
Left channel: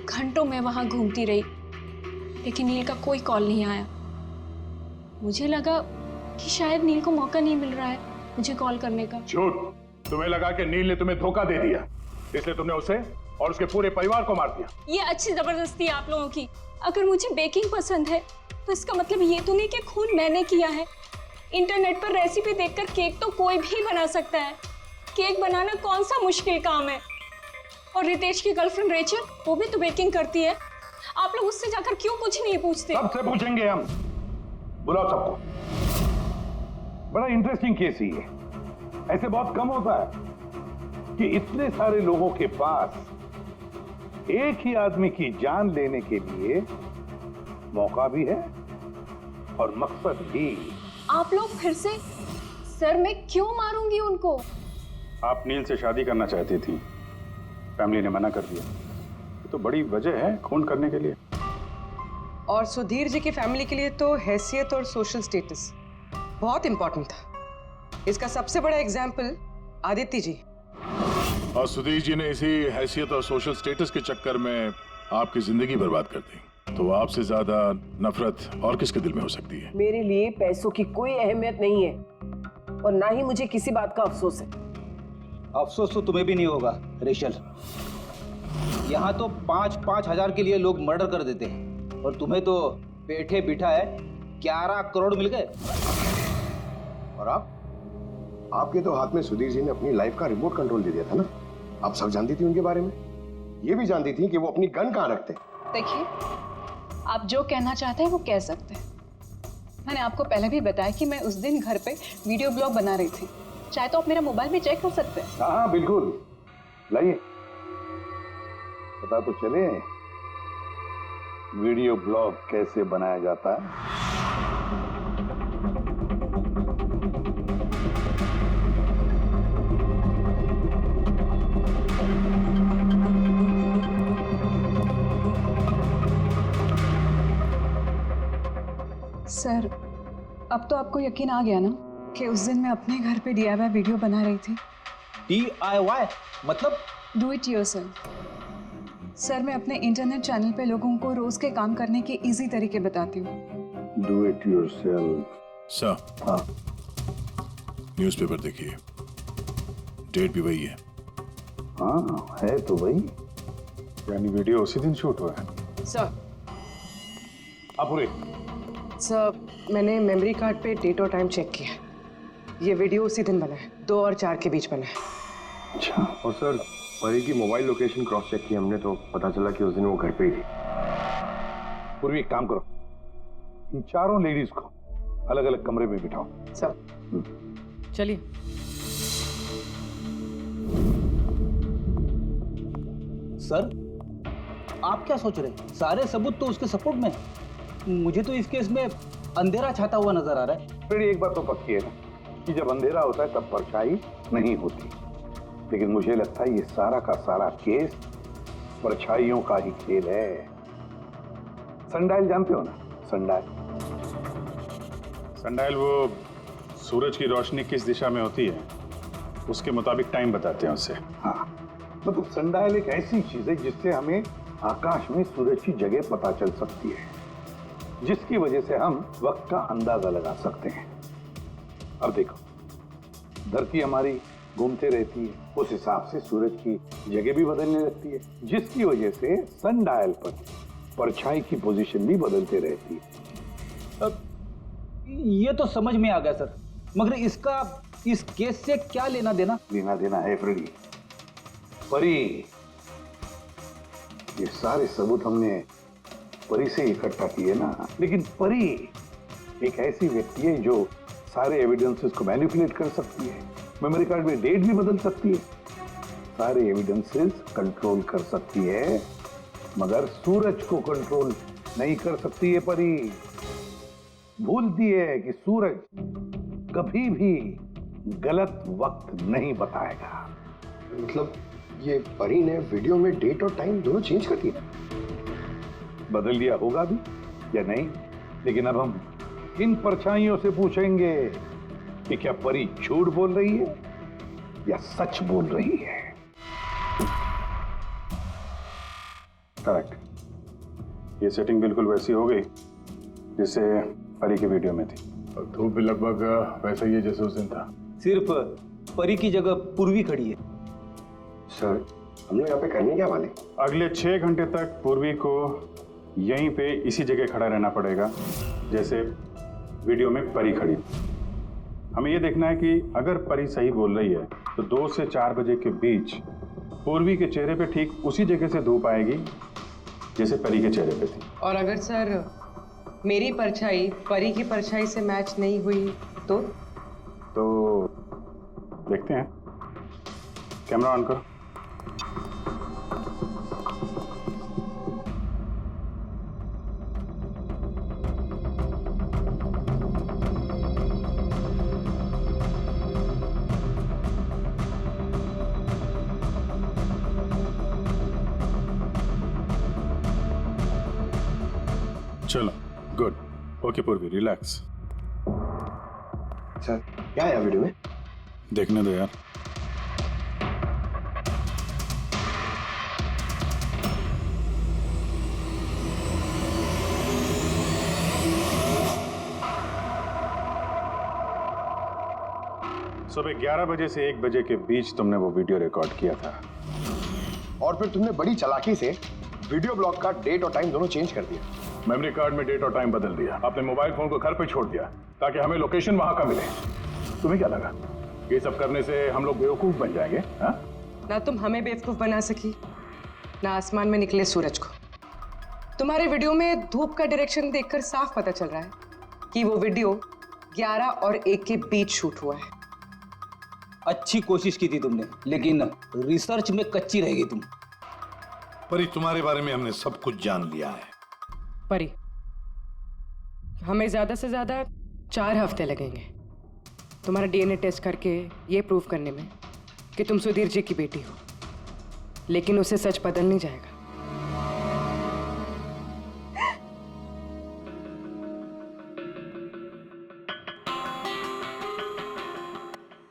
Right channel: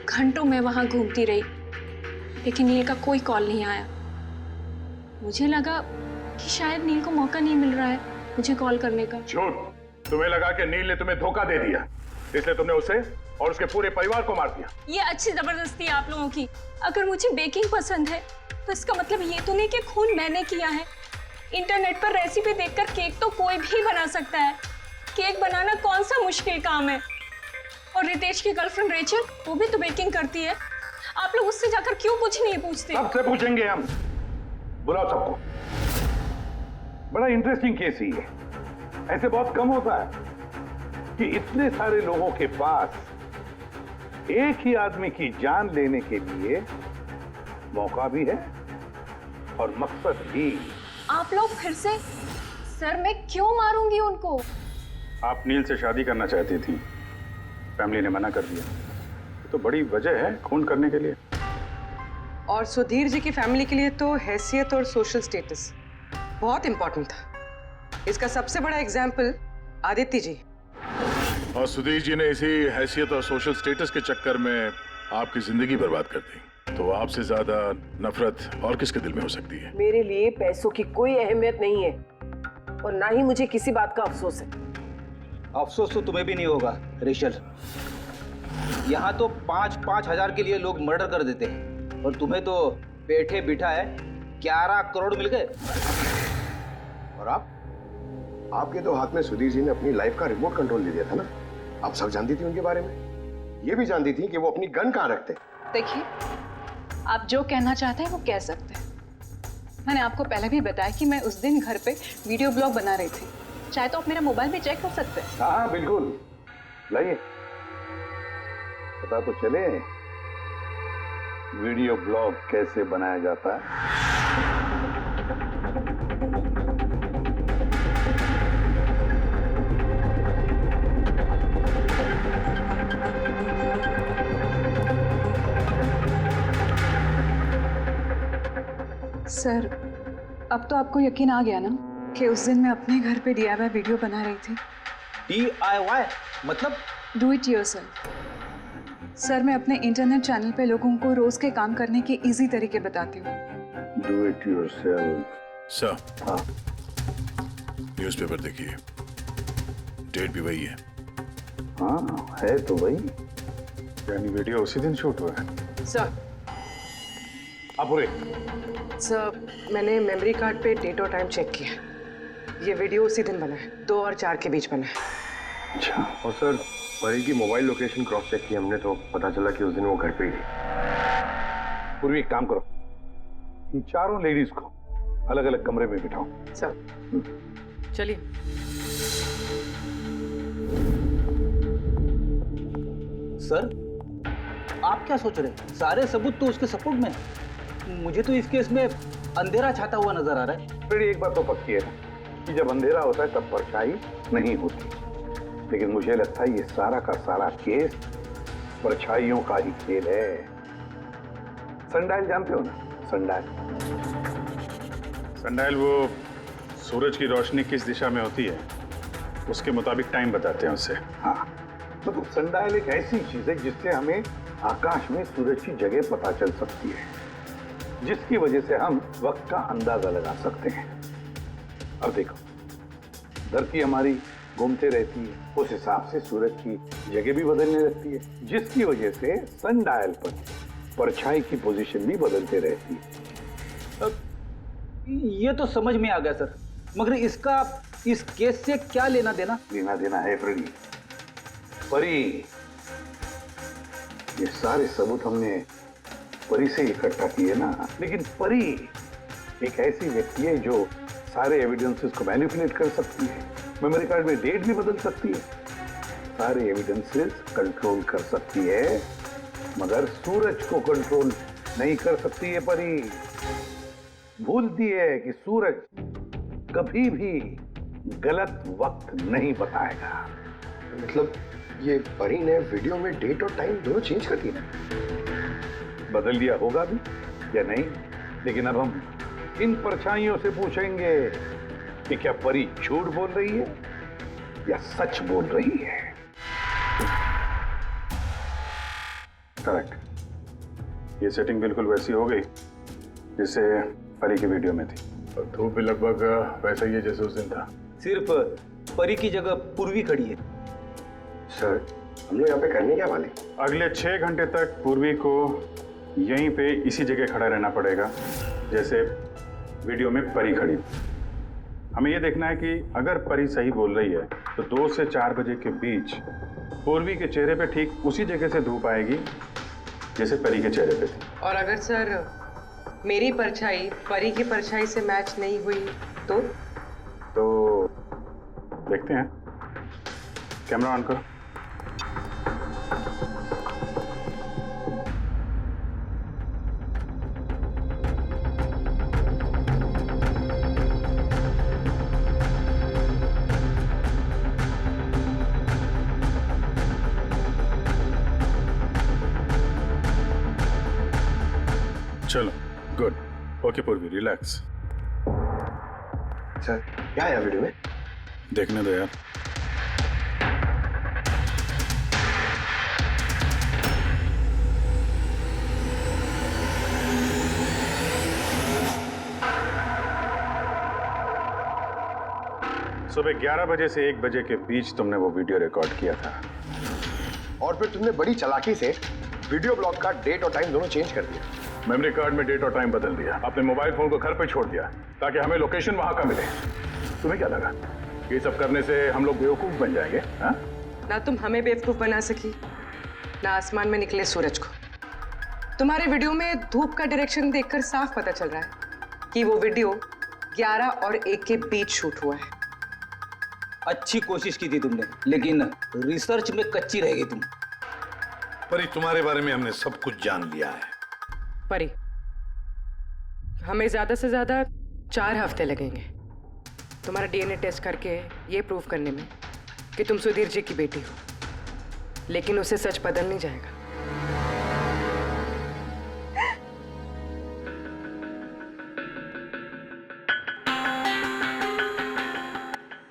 घंटों में वहाँ घूमती रही, लेकिन नील का कोई कॉल नहीं आया। मुझे लगा कि शायद नील को मौका नहीं मिल रहा है मुझे कॉल करने का। झूठ! तुम्हें लगा कि नील ने तुम्हें धोखा दे दिया, इसलिए तुमने उसे और उसके पूरे परिवार को मार दिया। ये अच्छी जबरदस्ती है आप लोगों की। अगर मुझे बेकिंग पसंद है तो इसका मतलब ये तो नहीं कि खून मैंने किया है। इंटरनेट पर रेसिपी देखकर केक तो कोई भी बना सकता है। केक बनाना कौन सा मुश्किल काम है? और रितेश की गर्लफ्रेंड रेचल, वो भी तो बेकिंग करती है। आप लोग उससे जाकर क्यों कुछ नहीं पूछते? सबसे पूछेंगे हम। बुलाओ सबको। बड़ा इंटरेस्टिंग केस ही है। ऐसे बहुत कम होता है कि इतने सारे लोगों के पास एक ही आदमी की जान लेने के लिए मौका भी है और मकसद भी। आप लोग फिर से? सर मैं क्यों मारूंगी उनको? आप नील से शादी करना चाहती थी, फैमिली ने मना कर दिया। तो बड़ी वजह है खून करने के लिए। और सुधीर जी की फैमिली के लिए तो हैसियत और सोशल स्टेटस बहुत इंपॉर्टेंट था। इसका सबसे बड़ा एग्जाम्पल आदित्य जी। और सुधीर जी ने इसी हैसियत और सोशल स्टेटस के चक्कर में आपकी जिंदगी बर्बाद कर दी। तो आपसे ज्यादा नफरत और किसके दिल में हो सकती है? मेरे लिए पैसों की कोई अहमियत नहीं है और ना ही मुझे किसी बात का अफसोस है। अफसोस तो तुम्हें भी नहीं होगा रेचल। यहाँ तो 5-5 हजार के लिए लोग मर्डर कर देते हैं और तुम्हें तो बैठे बिठाए 11 करोड़ मिल गए। और आपके तो हाथ में सुधीर जी ने अपनी लाइफ का रिमोट कंट्रोल दे दिया था ना। आप सब जानती थी उनके बारे में, ये भी जानती थी कि वो अपनी गन कहाँ रखते। देखिए, आप जो कहना चाहते हैं वो कह सकते हैं। मैंने आपको पहले भी बताया कि मैं उस दिन घर पे वीडियो ब्लॉग बना रही थी। चाहे तो आप मेरा मोबाइल भी चेक कर सकते हैं। हाँ बिल्कुल, लाइए। पता तो चले वीडियो ब्लॉग कैसे बनाया जाता है। सर, अब तो आपको यकीन आ गया ना कि उस दिन मैं अपने घर पे DIY वीडियो बना रही थी। DIY मतलब? Do it yourself. सर, मैं अपने इंटरनेट चैनल पे लोगों को रोज के काम करने के इजी तरीके बताती हूँ। Do it yourself. सर, हाँ, न्यूज़पेपर देखिए, डेट भी वही है। हाँ है तो भाई। यानी वीडियो उसी दिन शूट हुआ है। सर अपुरे, सर मैंने मेमोरी कार्ड पे डेट और टाइम चेक किया। ये वीडियो उसी दिन बना है, 2 और 4 के बीच बना है। अच्छा। और सर परी की मोबाइल लोकेशन क्रॉस चेक की हमने तो पता चला कि उस दिन वो घर पे ही थी। पूर्वी एक काम करो, इन चारों लेडीज को अलग अलग कमरे में बिठाओ। सर चलिए। सर आप क्या सोच रहे हैं? सारे सबूत तो उसके सपोर्ट में है। मुझे तो इस केस में अंधेरा छाता हुआ नजर आ रहा है। फिर एक बात तो पक्की है ना कि जब अंधेरा होता है तब परछाई नहीं होती, लेकिन मुझे लगता है ये सारा का सारा केस परछाइयों का ही खेल है। सनडायल जानते हो ना? सनडायल, सनडायल वो सूरज की रोशनी किस दिशा में होती है उसके मुताबिक टाइम बताते हैं उससे। हाँ, मतलब सनडायल एक ऐसी चीज है जिससे हमें आकाश में सूरज की जगह पता चल सकती है, जिसकी वजह से हम वक्त का अंदाजा लगा सकते हैं। अब देखो, धरती हमारी घूमते रहती है, उस हिसाब से सूरज की जगह भी बदलने लगती है, जिसकी वजह से सनडायल पर परछाई की पोजीशन भी बदलते रहती है। ये तो समझ में आ गया सर, मगर इसका इस केस से क्या लेना देना? लेना देना है फ्रेडी। परी, ये सारे सबूत हमने परी से इकट्ठा किए ना, लेकिन परी एक ऐसी व्यक्ति है जो सारे एविडेंसेस को मैनिपुलेट कर सकती है, मेमोरी कार्ड में डेट भी बदल सकती है, सारे एविडेंसेस कंट्रोल कर सकती है, मगर सूरज को कंट्रोल नहीं कर सकती है परी। भूलती है कि सूरज कभी भी गलत वक्त नहीं बताएगा। मतलब ये परी ने वीडियो में डेट और टाइम दोनों चेंज कर दिया? बदल दिया होगा भी या नहीं, लेकिन अब हम इन परछाइयों से पूछेंगे कि क्या परी झूठ बोल रही है या सच बोल रही है। करेक्ट, ये सेटिंग बिल्कुल वैसी हो गई जैसे परी की वीडियो में थी, और धूप भी लगभग वैसा ही है जैसे उस दिन था। सिर्फ परी की जगह पूर्वी खड़ी है। सर हम लोग यहाँ पे करने क्या वाले? अगले 6 घंटे तक पूर्वी को यहीं पे इसी जगह खड़ा रहना पड़ेगा जैसे वीडियो में परी खड़ी। हमें ये देखना है कि अगर परी सही बोल रही है तो 2 से 4 बजे के बीच पूर्वी के चेहरे पे ठीक उसी जगह से धूप आएगी जैसे परी के चेहरे पे थी। और अगर सर मेरी परछाई परी की परछाई से मैच नहीं हुई तो देखते हैं। कैमरा ऑन करो। चलो, गुड। ओके पूर्वी, रिलैक्स। सर क्या है वीडियो में? देखने दो यार। सुबह 11 बजे से 1 बजे के बीच तुमने वो वीडियो रिकॉर्ड किया था, और फिर तुमने बड़ी चालाकी से वीडियो ब्लॉग का डेट और टाइम दोनों चेंज कर दिया। मेमोरी कार्ड में डेट और टाइम बदल दिया, अपने मोबाइल फोन को घर पे छोड़ दिया ताकि हमें लोकेशन वहां का मिले। तुम्हें क्या लगा ये सब करने से हम लोग बेवकूफ बन जाएंगे? हाँ? ना तुम हमें बेवकूफ बना सकी, ना आसमान में निकले सूरज को। तुम्हारे वीडियो में धूप का डायरेक्शन देखकर साफ पता चल रहा है कि वो वीडियो 11 और 1 के बीच शूट हुआ है। अच्छी कोशिश की थी तुमने, लेकिन रिसर्च में कच्ची रह गई तुम। परी, तुम्हारे बारे में हमने सब कुछ जान लिया है। परी, हमें ज्यादा से ज्यादा 4 हफ्ते लगेंगे तुम्हारा डीएनए टेस्ट करके ये प्रूव करने में कि तुम सुधीर जी की बेटी हो, लेकिन उसे सच बदल नहीं जाएगा।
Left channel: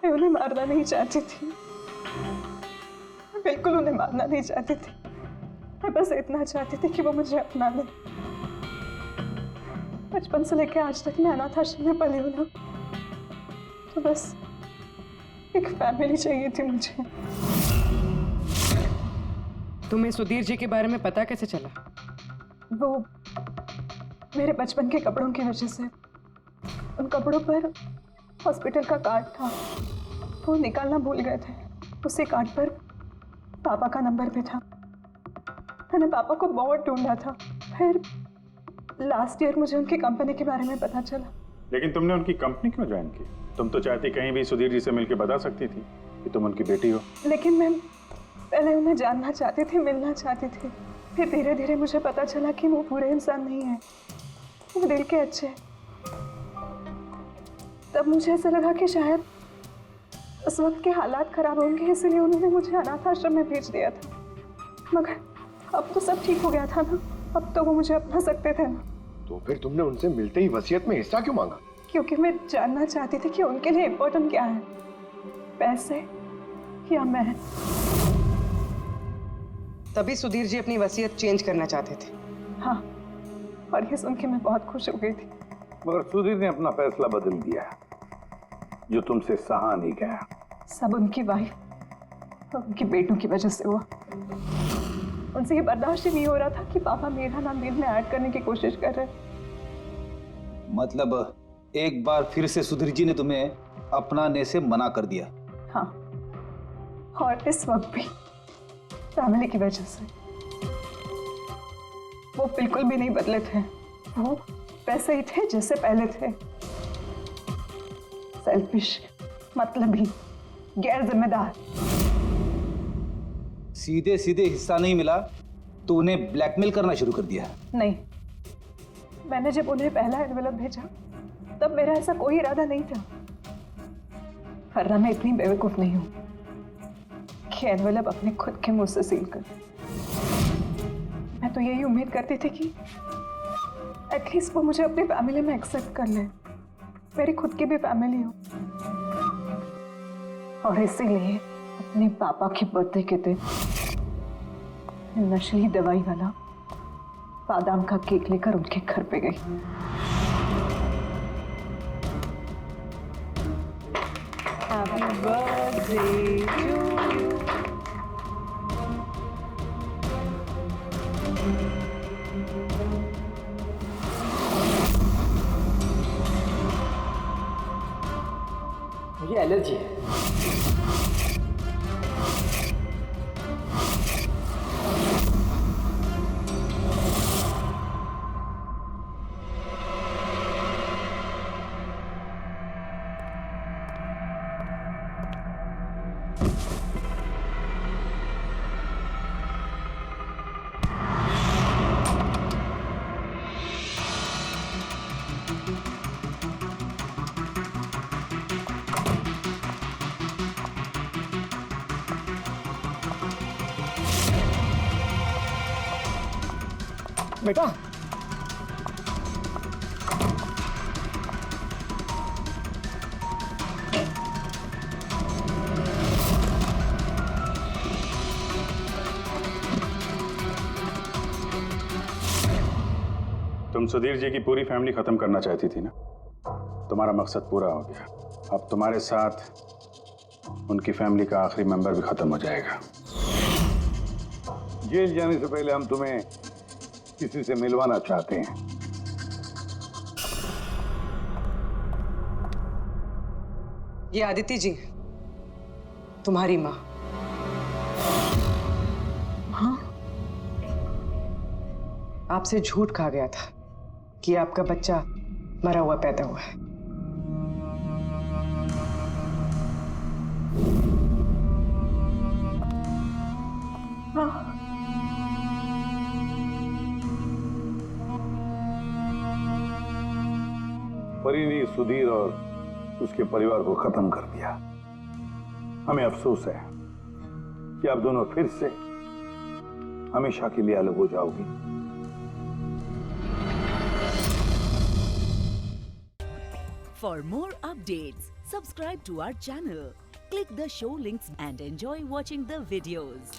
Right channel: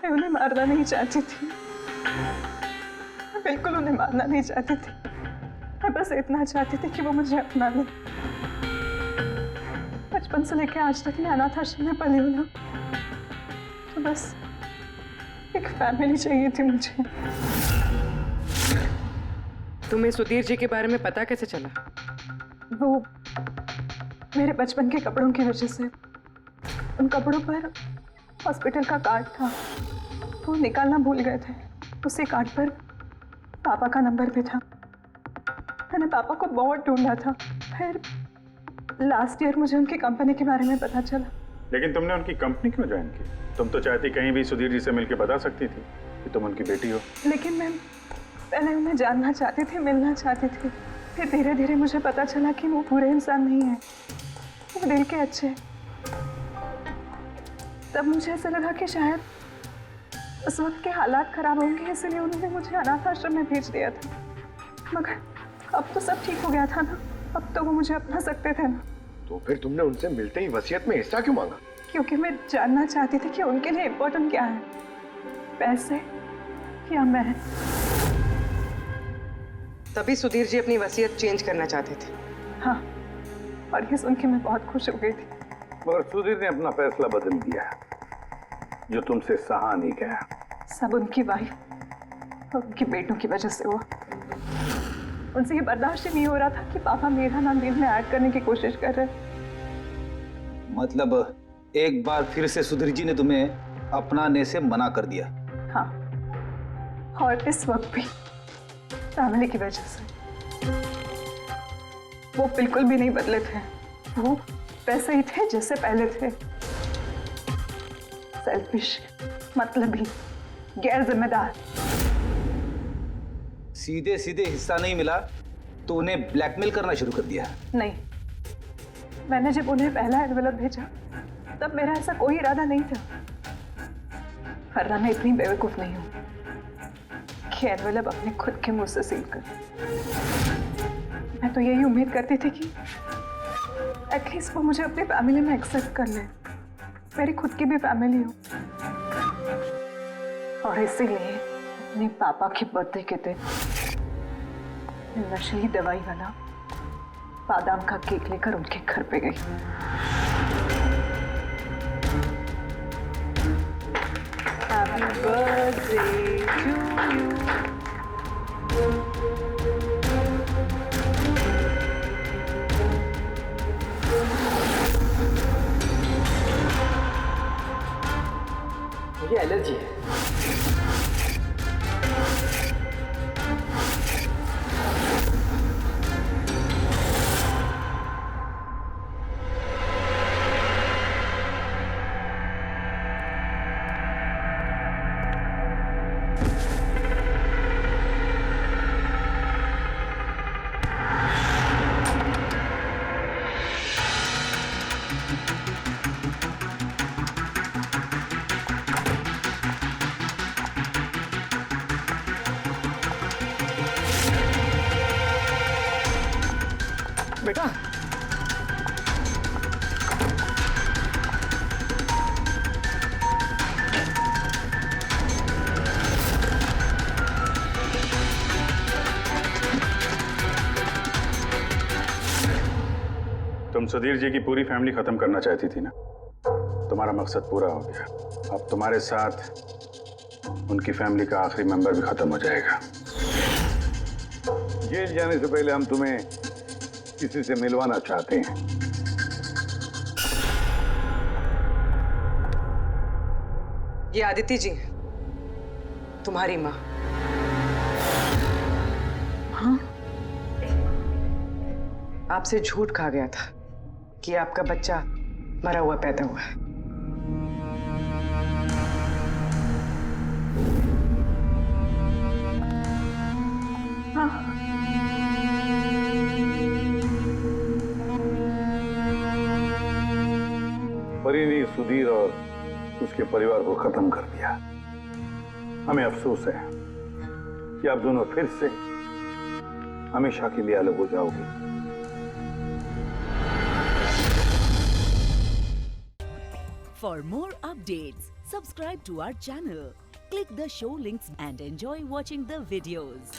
मैं उन्हें मारना नहीं चाहती थी, मैं बिल्कुल उन्हें मारना नहीं चाहती थी। मैं बस इतना चाहती थी कि वो मुझे अपना ले। बचपन से लेकर आज तक मैं अनाथ आश्रम में पली हूँ ना, तो बस एक फैमिली चाहिए थी मुझे। तुम्हें सुधीर जी के बारे में पता कैसे चला? वो मेरे बचपन के कपड़ों की वजह से, उन कपड़ों पर हॉस्पिटल का कार्ड था, वो निकालना भूल गए थे। उसी कार्ड पर पापा का नंबर भी था। मैंने पापा को बहुत ढूंढा था। फिर लास्ट ईयर मुझे उनकी कंपनी के बारे में पता चला। लेकिन तुमने उनकी कंपनी क्यों ज्वाइन की? तुम तो चाहती कहीं भी सुधीर जी से मिलकर बता सकती थी कि तुम उनकी बेटी हो। लेकिन मैं पहले उन्हें जानना चाहती थी, मिलना चाहती थी। फिर धीरे धीरे मुझे पता चला कि वो बुरे इंसान नहीं है, वो दिल के अच्छे हैं। तब मुझे ऐसा लगा कि शायद उस वक्त के हालात खराब होंगे, इसलिए उन्होंने मुझे अनाथ आश्रम में भेज दिया था। मगर अब तो सब ठीक हो गया था ना, अब तो वो मुझे अपना सकते थे ना। तो फिर तुमने उनसे मिलते ही वसीयत में हिस्सा क्यों मांगा? क्योंकि मैं जानना चाहती थी कि उनके लिए इम्पोर्टेंट क्या है, पैसे या मैं। तभी सुधीर जी अपनी वसीयत चेंज करना चाहते थे। हाँ, और ये सुन के मैं बहुत खुश हो गई थी। मगर सुधीर ने अपना फैसला बदल दिया, जो तुमसे सहा नहीं गया। सब उनकी वाइफ और उनके बेटों की वजह से हुआ। उनसे ये बर्दाश्त ही नहीं हो रहा था कि पापा मेरा नाम डील में ऐड करने की कोशिश कर रहे। मतलब एक बार फिर से सुधीर जी ने तुम्हें अपनाने से मना कर दिया? हाँ, और इस वक्त भी फैमिली की वजह से। वो बिल्कुल भी नहीं बदले थे, वो वैसे ही थे जैसे पहले थे। सेल्फिश, मतलबी, गैर जिम्मेदार। सीधे सीधे हिस्सा नहीं मिला तो उन्हें ब्लैकमेल करना शुरू कर दिया? नहीं, मैंने जब उन्हें पहला एनवेलप भेजा तब मेरा ऐसा कोई इरादा नहीं था। वरना मैं इतनी बेवकूफ नहीं हूं कि एनवेलप अपने खुद के मुंह से सील कर। मैं तो यही उम्मीद करती थी कि एटलीस्ट वो मुझे अपनी फैमिली में एक्सेप्ट कर ले, मेरी खुद की भी फैमिली हो। और इसीलिए अपने पापा के बर्थडे के दिन नशीली दवाई वाला बादाम का केक लेकर उनके घर पे गई। Happy birthday to you. मुझे एलर्जी है। बेटा, तुम सुधीर जी की पूरी फैमिली खत्म करना चाहती थी ना? तुम्हारा मकसद पूरा हो गया। अब तुम्हारे साथ उनकी फैमिली का आखिरी मेंबर भी खत्म हो जाएगा। जेल जाने से पहले हम तुम्हें किसी से मिलवाना चाहते हैं। ये आदिति जी, तुम्हारी माँ। हाँ, आपसे झूठ कहा गया था कि आपका बच्चा मरा हुआ पैदा हुआ है। हाँ, परी ने सुधीर और उसके परिवार को खत्म कर दिया। हमें अफसोस है कि आप दोनों फिर से हमेशा के लिए अलग हो जाओगी। For more updates, subscribe to our channel, click the show links and enjoy watching the videos.